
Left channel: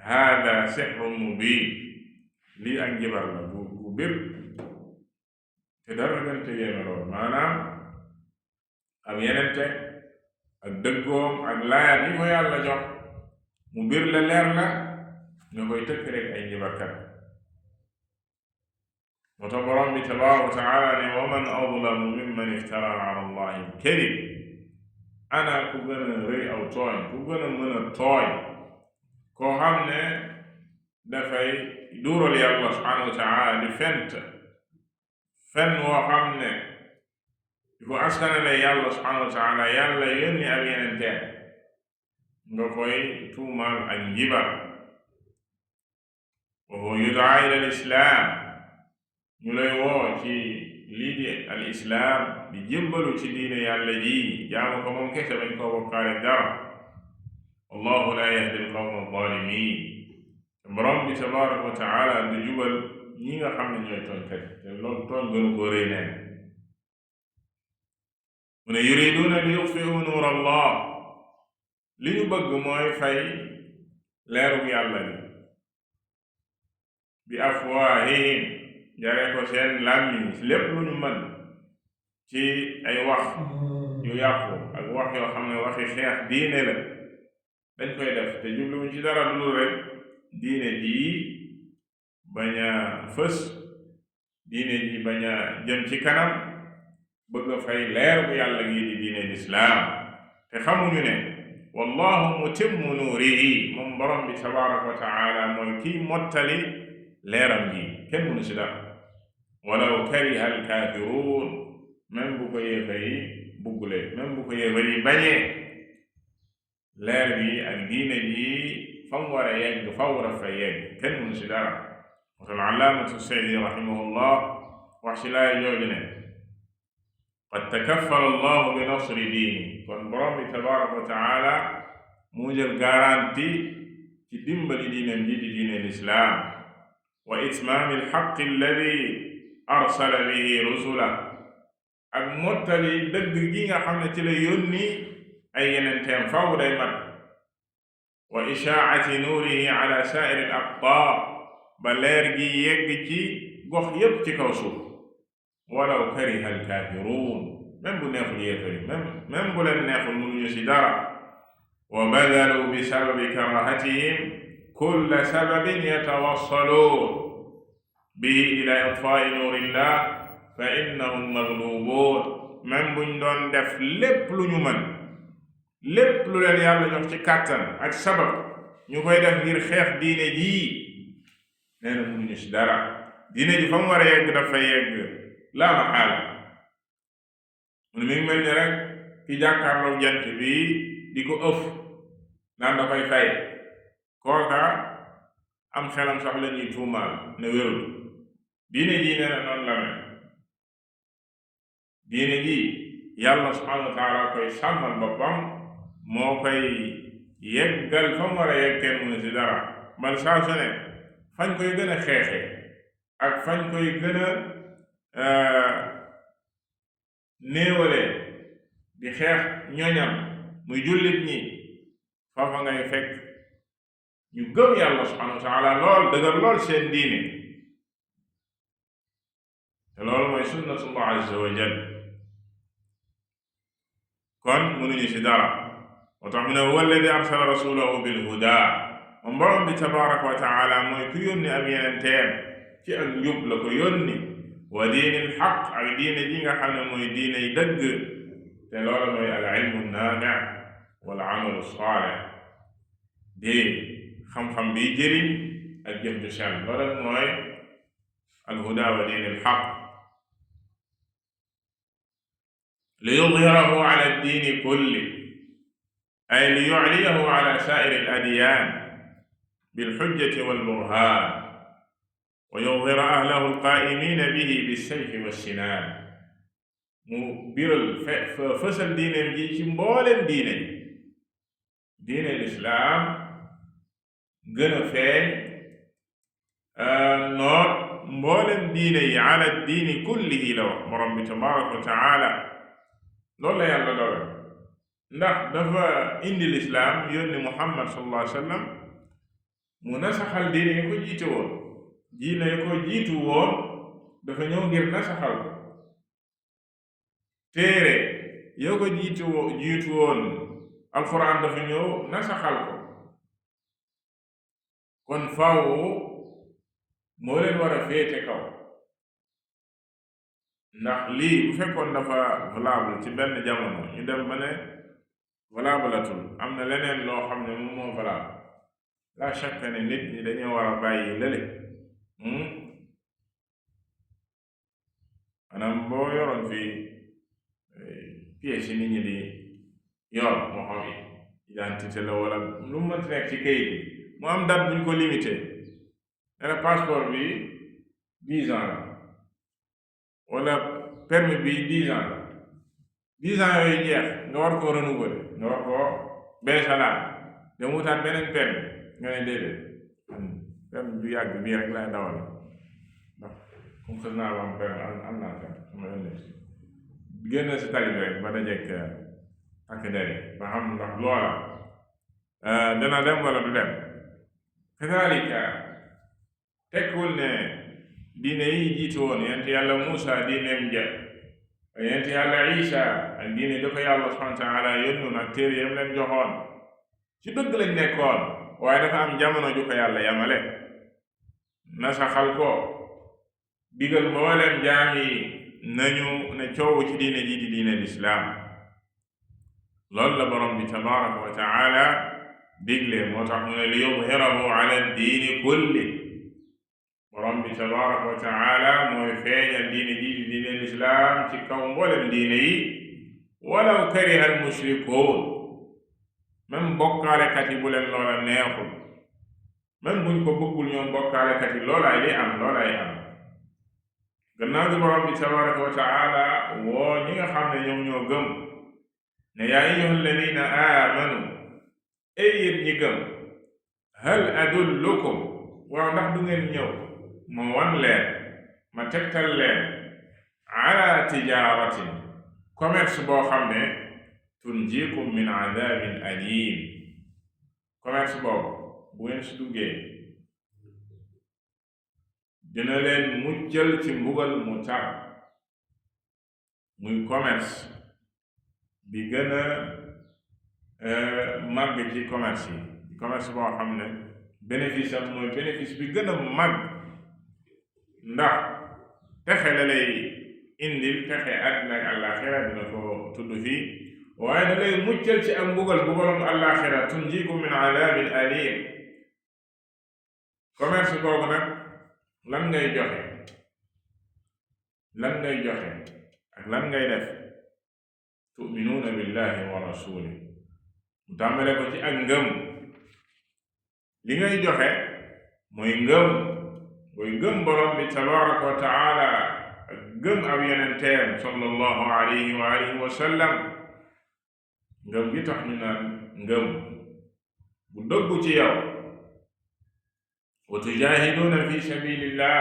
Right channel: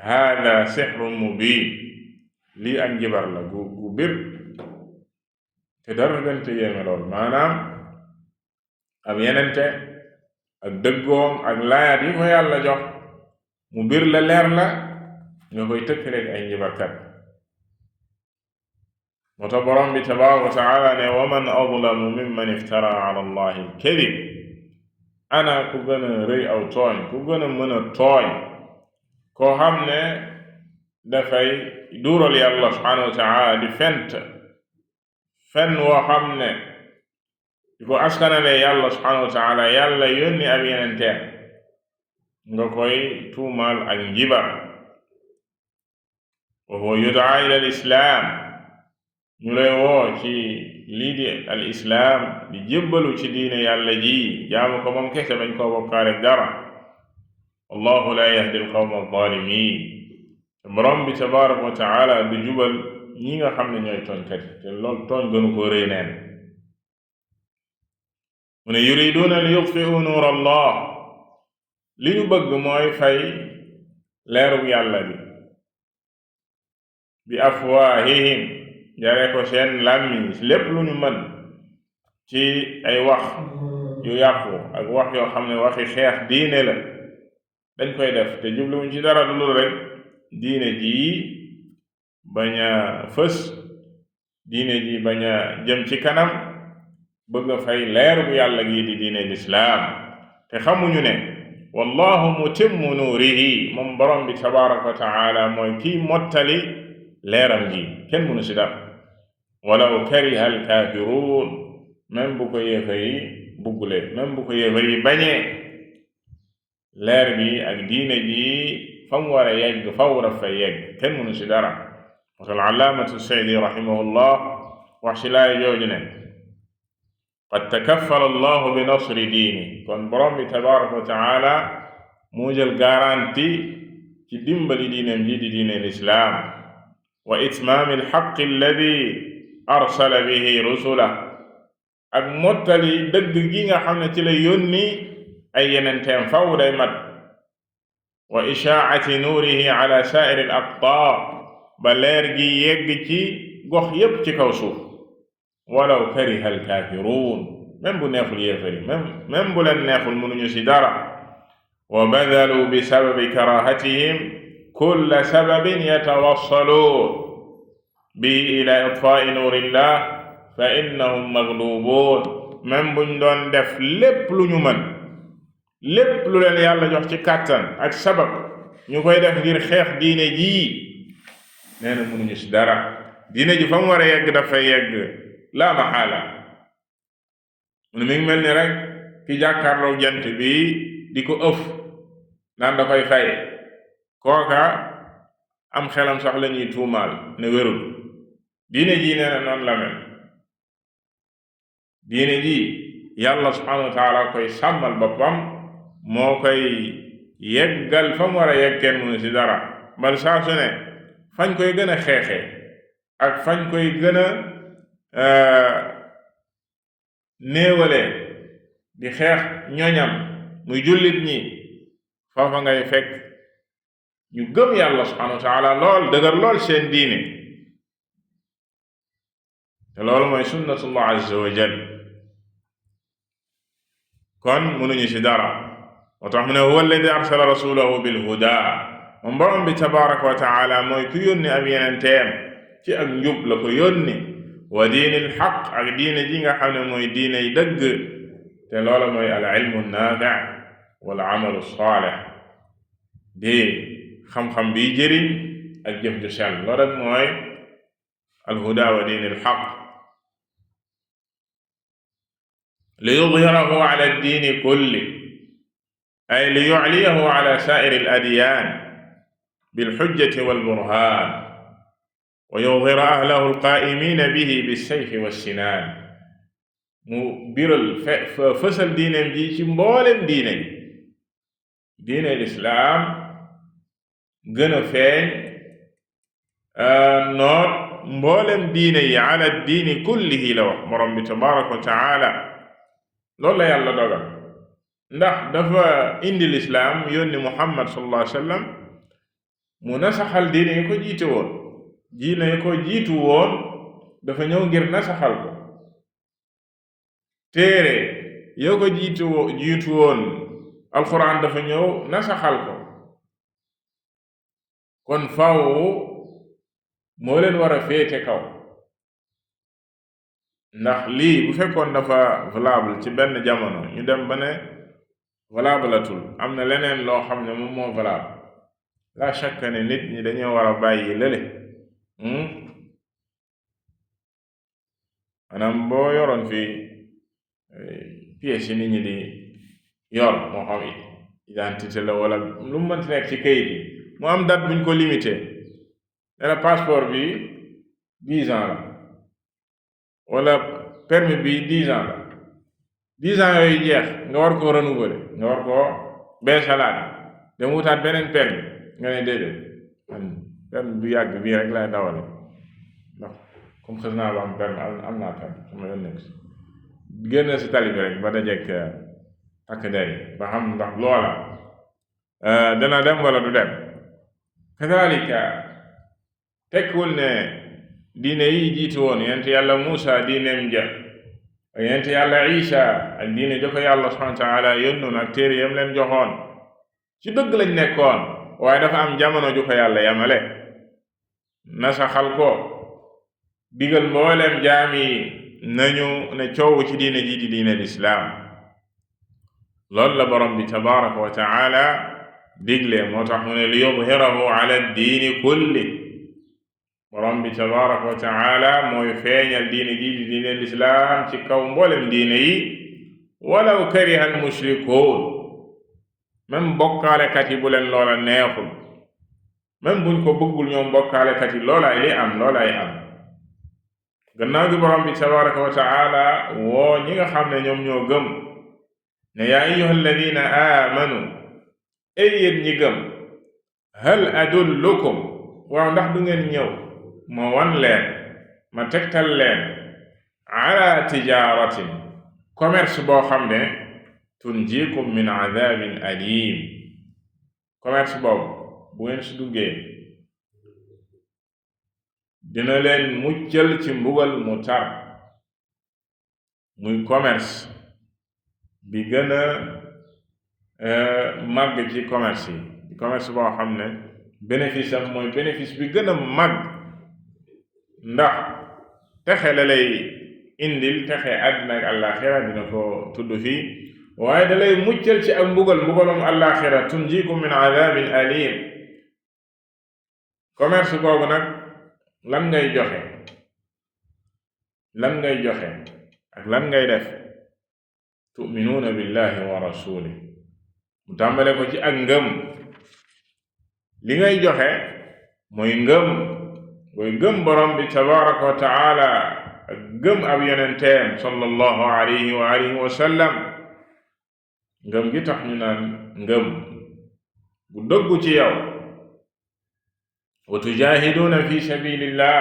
haada sihrun mubin lii am jibar la gu bir te dara gënte yéeme lool maanaam am yenente ak dëggoom ak laayaat yi ko yàlla jox mu bir la leer la nga koy tëkk rek ay njibarkat. moo tax borom bi tabaaraka wa taala ne wa man adlamu mimman iftara ala allahi al-kadib ana ku gën a rëy aw tooñ ku gën a mën a tooñ koo xam ne dafay duural yàlla subhaanahu wa taala di fen woo xam ne di ko askanale yàlla subhaanahu wa taala yàlla yónni ab yenenteem nga koy tuumaal ak njibar. wa huwa yudaa ila al-islaam ñu lay woo ci lii di al islaam di jébbalu ci diine yàlla ji jaamu ko moom kese bañ koo bokkaale dara. wallahu la yahdi al qawma adh-dhalimin borom bi tabaraka wa taala du jubal ñi nga xam ne ñooy tooñkat te loolu tooñ gënu ko rëy neen. mu ne yuriduuna li yutfi'u nuur allah li ñu bëgg mooy fay leerug yàlla bi afwaahihim jaree ko seen làmmiñ lépp lu ñu mën ci ay wax yu yàqu ak wax yoo xam ne waxi xeex diine la dañ koy def te jubluwuñ ci dara lu rek diine ji bañ a fës diine ji bañ a jëm ci kanam bëgg a fay leer bu yàlla gi di diine lislaam te xamuñu ne wallahu mutimmu nuurihi moom borom bi tabaraka wa taala mooy kii mottali leeram gi kenn mënu si dara walaw kariha alkaafiruun même bu ko yéefar yi buggulee même bu ko yéefar yi bañee leer bi ak diine ji fa mu war a yegg faw daf fay yegg kenn mënu si dara wasal allaamatu saydi rahimahullah wax si laay jooju ne qad takaffala allahu bi nasri diini kon borom bi tabaraka wa taala mu jël garanti ci dimbali diineem ji di diine lislaam wa itmaami alxaqi alladi arsala bihi rusula ak mottali dëgg gi nga xam ne ci la yónni ay yenenteem faw day mat wa ishaacati nuurihi ala saa'iri al aqtaar ba leer gi yegg ci gox yépp ci kaw suuf walaw kariha alkaafiruun même bu neexul yéefari même bu leen neexul mënuñu si dara wa badalu bi sababi karahatihim kulla sababin yatawassaluun bi ila itfaa'i nuurillah fa innahum maglubuun même buñ doon def lépp lu ñu mën lépp lu leen yàlla jox ci kàttan ak sabab ñu koy def ngir xeex diine jii nee na mënuñu si dara diine ji fa mu war a yegg dafay yegg laa maxaala mu ne mi ngi mel ni rek ki jàkkaarloo jant bi di ko ëf naan da koy fay kooka am xelam sax la ñuy tuumaal ne wérul diine ji nee na noonu la mel diine ji yàlla subhanahu wa taala koy sàmmal boppam moo koy yeggal fa mu war a yegg kenn mënu si dara bal saa su ne fañ koy gën a xeexee ak fañ koy gën a néewale di xeex ñoñam muy jullit ñi foofa ngay fekk ñu gëm yàlla subhanahu wa taala lool dëgër lool seen diine te loolu mooy sunnatullah azza wa jal kon mënuñu ci dara moo tax mu ne huwa alladi arsala rasulahu bilhuda moom borom bi tabaraka wa taala mooy ku yónni ab yenenteem ci ak njub la ko yónni wa diinil xaq ak diine ji nga xam ne mooy diine yi dëgg te loola mooy al ilmu naafi wal amalu saalih di xam-xam biy jëriñ ak jëf ju sell loolu rek mooy al huda wa diinil xaq li yudhirahu ala diini kulli ay li yucliyahu ala saa'iri al adyaan bil xujjati wal burhaan wa yudhira ahlahu alqaa'imiina bihi bissayfi wassinaan mu biral fësal diineem ji ci mboolem diine yi diine lislaam gën a feeñ noot mboolem diine yi ala diini kullihi la wax borom bi tabaraka wa taala loolu la yàlla dogal ndax dafa indi lislaam yónni muhammad sallallahu alayhi wa sallam mu nasaxal diine yi ko jiite woon diine yi ko jiitu woon dafa ñëw ngir nasaxal ko téere yoo ko jiitu woon alquran dafa ñëw nasaxal ko kon faaw moo leen war a féete kaw ndax lii bu fekkoon dafa valable ci benn jamono ñu dem ba ne valablatul am na leneen loo xam ne moom moo valable la shakka ne nit ñi dañoo war a bàyyi lële maanaam boo yoroon fii pièce yi nit ñi di yor moo xam identité la wala lu mu mënti nekk ci kayit yi mu am date buñ ko limité ne la passeport bi 10 ans la wala permis bi 10 ans la 10 ans yooyu jeex nga war koo renouveler nga war koo beesalaat dem wutaat beneen permis nga ne déedéet man permis bu yàgg bii rek laay dawal ndax comme xës naa ba am permis am naa permis sama yoon nekk si génn si tali bi rek ba dajeek takk der yi ba xam ndax loola dana dem wala du dem kadalika tekkul ne diine yi jiitu woon yent yàlla Muusa diineem ja ak yent yàlla Isa ak diine jo ko yàlla subhanahu wa taala yónnoon ak téere yam leen joxoon ci dëgg lañ nekkoon waaye dafa am jamono ju ko yàlla yamale nasaxal ko digal mboolem jaam yi nañu ne coow ci diine ji di diine lislaam. loolu la borom bi tabaraka wa taala digle, moo tax mu ne li yudhirahu ala diini kulli. borom bi tabaraka wa taala mooy feeñal diine ji di diine lislaam ci kaw mboolem diine yi, walaw kariha al mushrikuun, même bokkaalekat yi bu leen loola neexul, même buñ ko bëggul ñoom bokkaalekat yi loolaay li am, loolaay am. gannaaw gi borom bi tabaraka wa taala woo ñi nga xam ne ñoom ñoo gëm ne yaa ayyuha alladina aamanu, ay yéen ñi gëm, hal adullukum, waaw ndax du ngeen ñëw ma wan leen, ma tegtal leen, ala tijaratin, commerce boo xam ne tunjikum min adabin alim, commerce boobu bu ngeen si duggee dina leen muccal ci mbugal mu tar. muy commerce bi gën a màgg ci commerce yi, commerce boo xam ne bénéfice am mooy bénéfice bi gën a màgg, ndax texe la lay indil, texe àddina ak àllaaxira, dina ko tudd fii, waaye da lay muccal ci ak mbugalum àllaaxira, tunjikum min adabin alim. commerce boobu nag lan ngay joxe ak lan ngay def? tu'minuuna billahi wa rasulih, mu tàmbale ko ci ak ngëm. li ngay joxe mooy ngëm borom bi tabaraka wa taala, ak gëm ab yonenteem sallallahu alayhi wa alihi wa sallam. ngëm gi tax ñu naan ngëm bu dëggu ci yow. wa tujahiduuna fi sabilillah,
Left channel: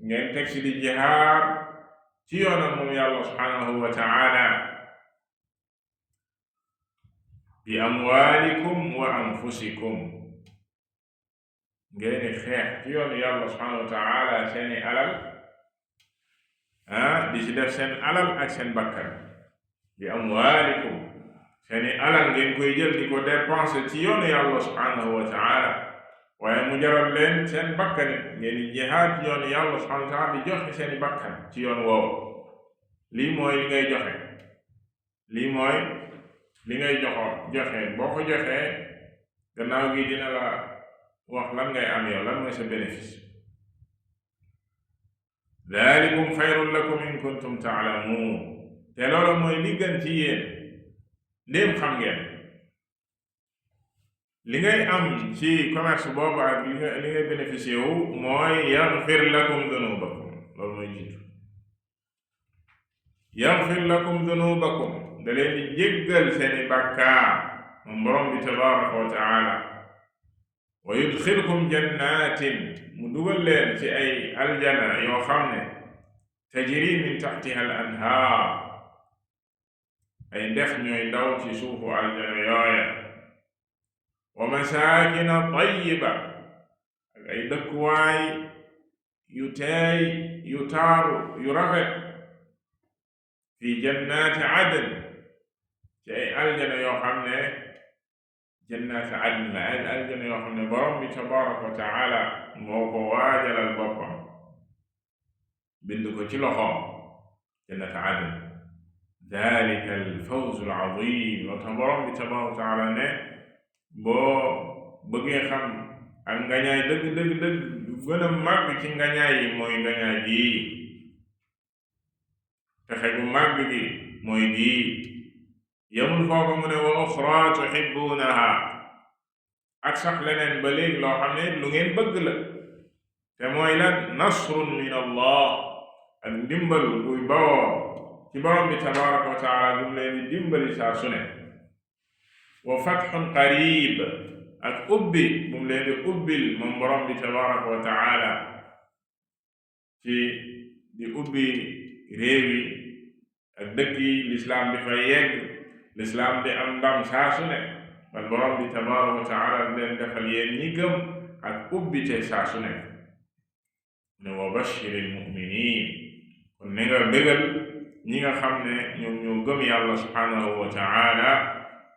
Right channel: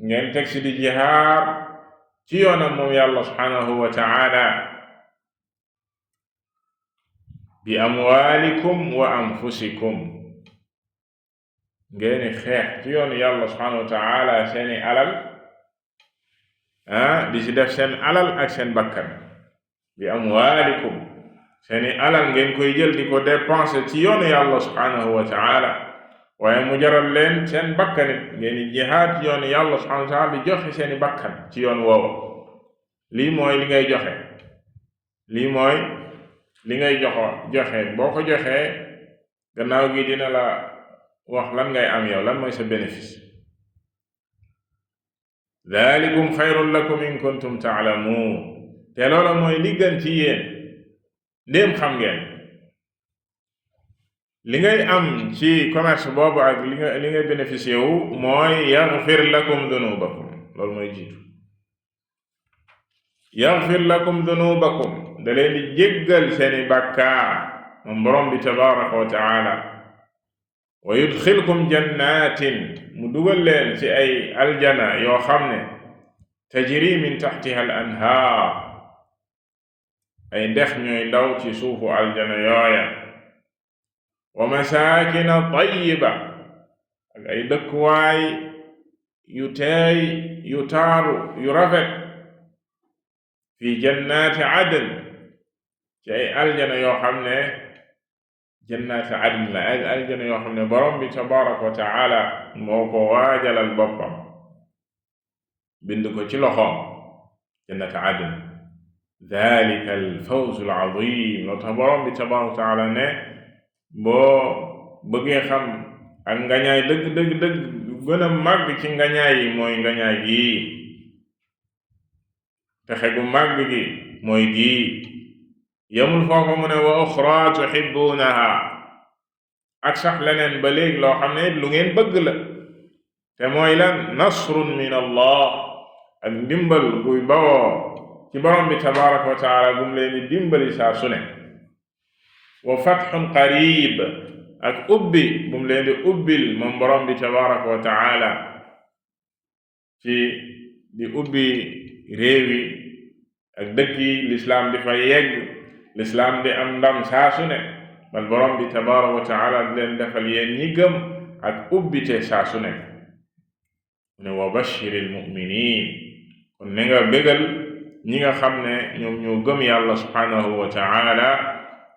ngeen teg si di jihaar ci yoonam moom yàlla subhanahu wa taala, bi amwalikum wa anfusikum, ngeeni xeex ci yoonu yàlla subhanahu wa taala seeni alal, di ci def seen alal ak seen bakkan. bi amwalikum, seeni alal ngeen koy jël di ko dépenser ci yoonu yàlla subhanahu wa taala, waaye mu jaral leen seen bakkanit ngeen di jihaad ci yoonu yàlla subhanahu wa taala, di joxe seeni bakkan ci yoon woowu. lii mooy li ngay joxe, lii mooy li ngay joxe. boo ko joxee gannaaw gi dina la wax lan ngay am yow, lan mooy sa bénéfice. dalikum xayrun lakum in kuntum taalamuun, te loola mooy li gën ci yéen ndéem xam ngeen. li ngay am ci commerce boobu ak li ngay bénéficié wu mooy yaxfir lakum dunubakum, loolu mooy jiitu. yaxfir lakum dunubakum, da leen di jéggal seeni bàkkaar moom borom bi tabaraka wa taala. wa yudxilkum jannatin, mu dugal leen ci ay aljana yoo xam ne tajri min taxtiha al anhaar, ay ndex ñooy daw ci suufu aljana yooya. wa masaakina tayyiba, ak ay dëkkuwaay yu teey yu taaru yu rafet. fi jannaati adn, ci ay aljana yoo xam ne jannaati adn la, ay aljana yoo xam ne borom bi tabaraka wa taala moo ko waajalal boppam, bind ko ci loxoom, jannaati adn. dalika alfawzu alazim, loo tax borom bi tabaraka wa taala ne boo bëggee xam ak ngañaay dëgg gën a màgg ci ngañaay yi mooy ngañaay gii, texe gu màgg gi mooy gii. yamul foofu mu ne wa uxra tuhibbuunaha, ak sax leneen ba léegi loo xam ne lu ngeen bëgg la, te mooy lan? nasrun min allah, ak ndimbal guy bawoo ci borom bi tabaraka wa taala gum leen di dimbali saa su ne. wa fatxun qarib, ak ubbi gum leen di ubbil moom borom bi tabaraka wa taala, ci di ubbi réewi ak dëkk yi, lislaam di fa yegg, lislaam di am ndam saa su ne. bal borom bi tabaraka wa taala di leen defal yéen ñi gëm ak ubbite saa su ne. ne wa bashiril muminin, kon ne nga bégal ñi nga xam ne ñoom ñoo gëm yàlla subhanahu wa taala,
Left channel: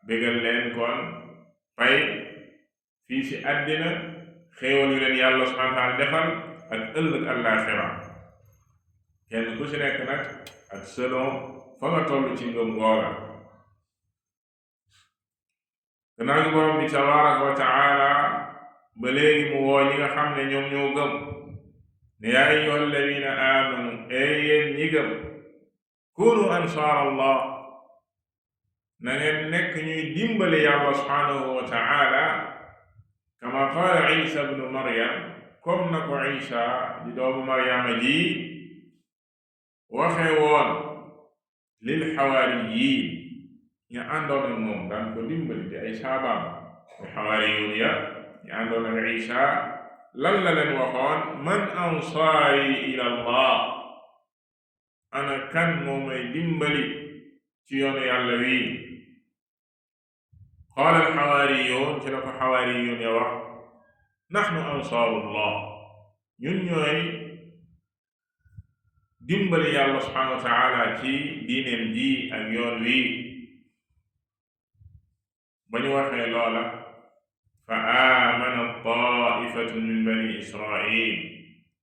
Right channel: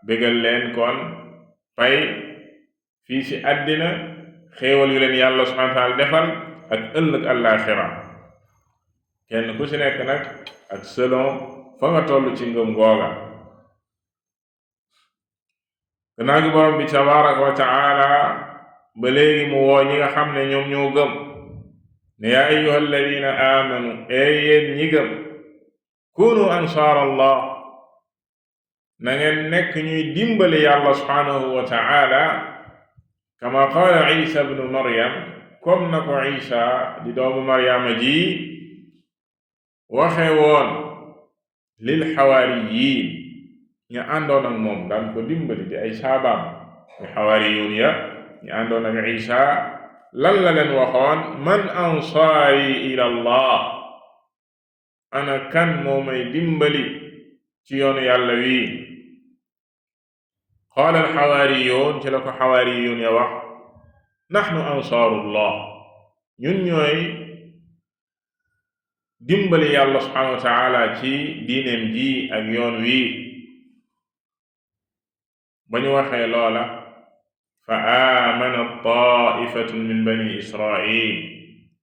bégal leen kon fay fii ci àddina, xéewal yu leen yàlla subhanahu wa taala defal, ak ëllëg àllaaxira. kenn ku ci nekk nag ak selon fa nga toll ci ngëm googa. gannaaw gi borom bi tabaraka wa taala ba léegi mu woo ñi nga xam ne ñoom ñoo gëm ne yaa ayyuha alladina amanu yéen ñi gëm kunu ansaar allah na ngeen nekk ñuy dimbali yàlla subhanahu wa taala kama qaala isa bnu maryam comme na ko isa di doomu maryama ji waxe woon lil xawaariyiin ñu àndoon ak moom daan ko dimbali di ay saabaam ñu xawaariyuun ya ñu àndoon ak isa lan la leen waxoon man ansaari ila allah ana kan moo may dimbali ci yoonu yàlla wi qaala alxawaariyuun ci la ko xawaariyuun ya wax naxnu ansaarullah ñun ñooy dimbali yàlla subhanahu wa taala ci diineem ji ak yoon wi ba ñu waxee loola fa aamana taifatun min bani israil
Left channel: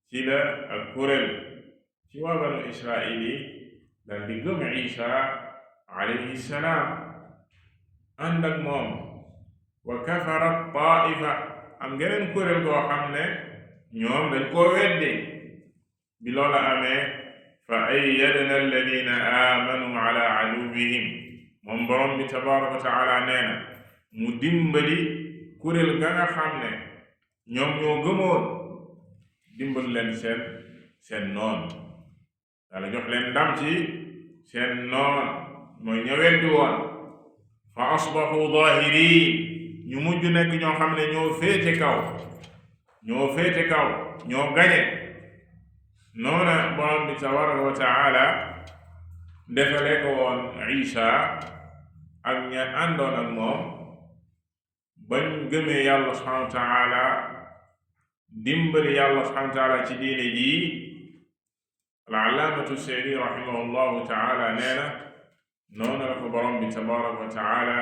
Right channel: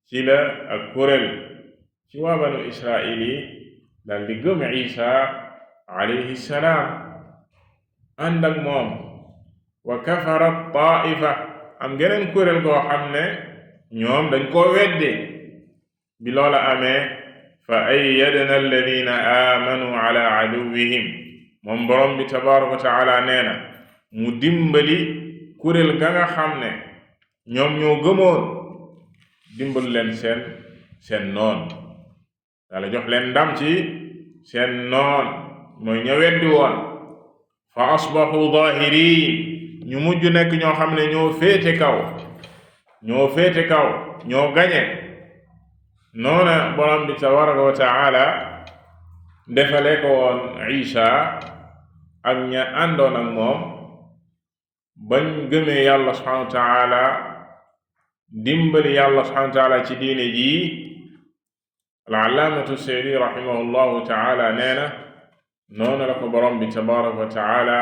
ci la ak kuréel ci waa banu israil yi dal di gëm isa alayhi salaam ànd ak moom wa kafarat taifa am geneen kuréel koo xam ne ñoom dañ koo weddi bi loola amee fa ayyadna alladina aamanu ala aduwwihim moom borom bi tabaraka wa taala nee na mu dimbali kuréel ga nga xam ne ñoom ñoo gëmoon dimbal leen seen noon Yàlla jox leen ndam ci seen noon mooy ña weddi woon fa asbahu zaahiriin ñu mujj nekk ñoo xam ne ñoo féete kaw ñoo gañe noona borom bi tabaraka wa taala defale ko woon Isa ak ña àndoon ak moom bañ gëmee yàlla subhanahu wa taala dimbali yàlla subhanahu wa taala ci diine ji. al-allaamatu Sa'di rahimahullahu taala nee na noonu la ko borom bi tabaraka wa taala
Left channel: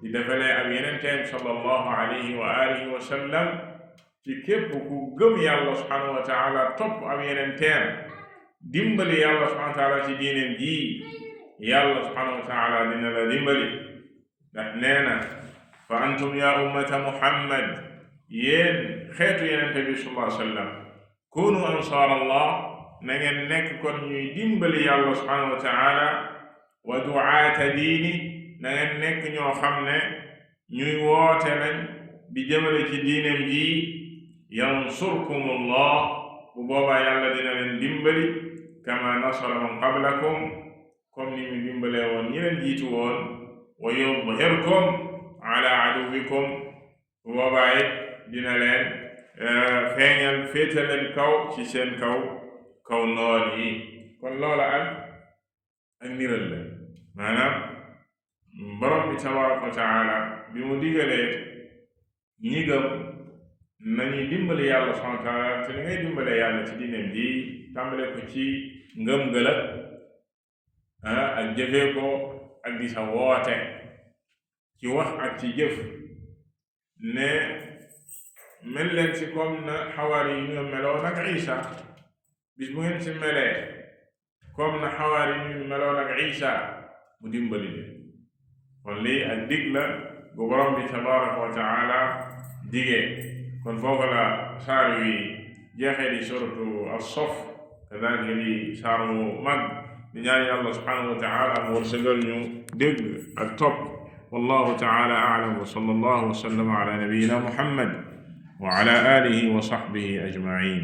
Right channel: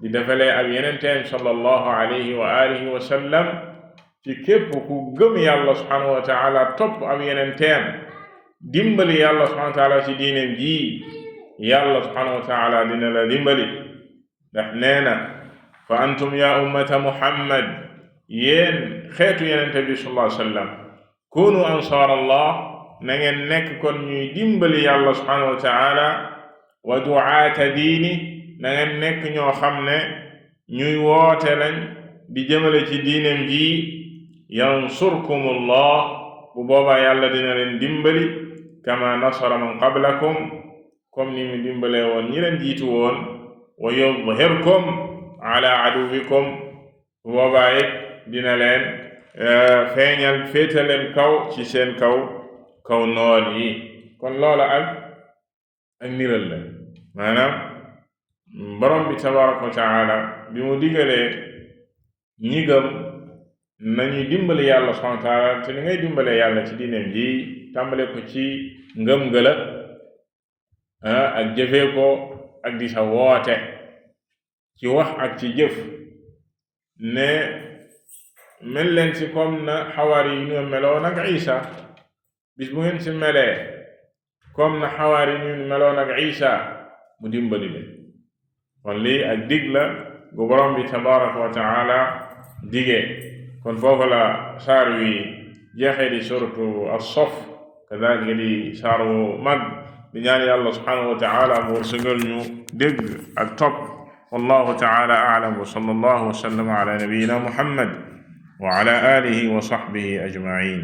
di defalee ak yenenteem sallallahu alayhi wa alihi wa sallam ci képp ku gëm yàlla subhanahu wa taala topp ak yenenteem dimbali yàlla subhanahu wa taala ci diineem ji yàlla subhanahu wa taala dina la dimbali ndax nee na fa antum ya ummata muhammad yéen xeetu yenente bi sallallahu alayhi wa sallam kunu ansaar allah na ngeen nekk kon ñuy dimbali yàlla subhanahu wa taala wa du'aata diini na ngeen nekk ñoo xam ne ñuy woote lañ di jëmale ci diineem ji yansurkumullah bu boobaa yàlla dina leen dimbali kama nasara man qablakum comme ni mu dimbalee woon ñi leen jiitu woon wa yudhirkum ala aduwikum bu boobaa it dina leen feeñal féete leen kaw ci seen kaw noon yi kon loola ak niral la maanaam borom bi tabaraka wa taala bi mu digalee ñi gëm nañuy dimbali yàlla subhanahu wa taala te ni ngay dimbalee yàlla ci diineem ji tàmbale ko ci ngëm gëla ak jëfee ko ak di sa woote ci wax ak ci jëf ne mel leen ci comme na xawaari yi ñoo meloon ak Isa bis bu ngeen ci melee comme na xawaari yi ñu meloon ak Isa mu dimbali leen kon lii ak dig la bu borom bi tabaraka wa taala digee kon foofu la saar wi jeexee di suratu as-Saff kadalika di saar wu mag di ñaan yàlla subhanahu wa taala mu wërsëgal ñu dégg ak topp wallahu taala a'lam wa sallallahu wa sallama ala nabiyyina muhammad wa ala alihi wa sahbihi ajma'in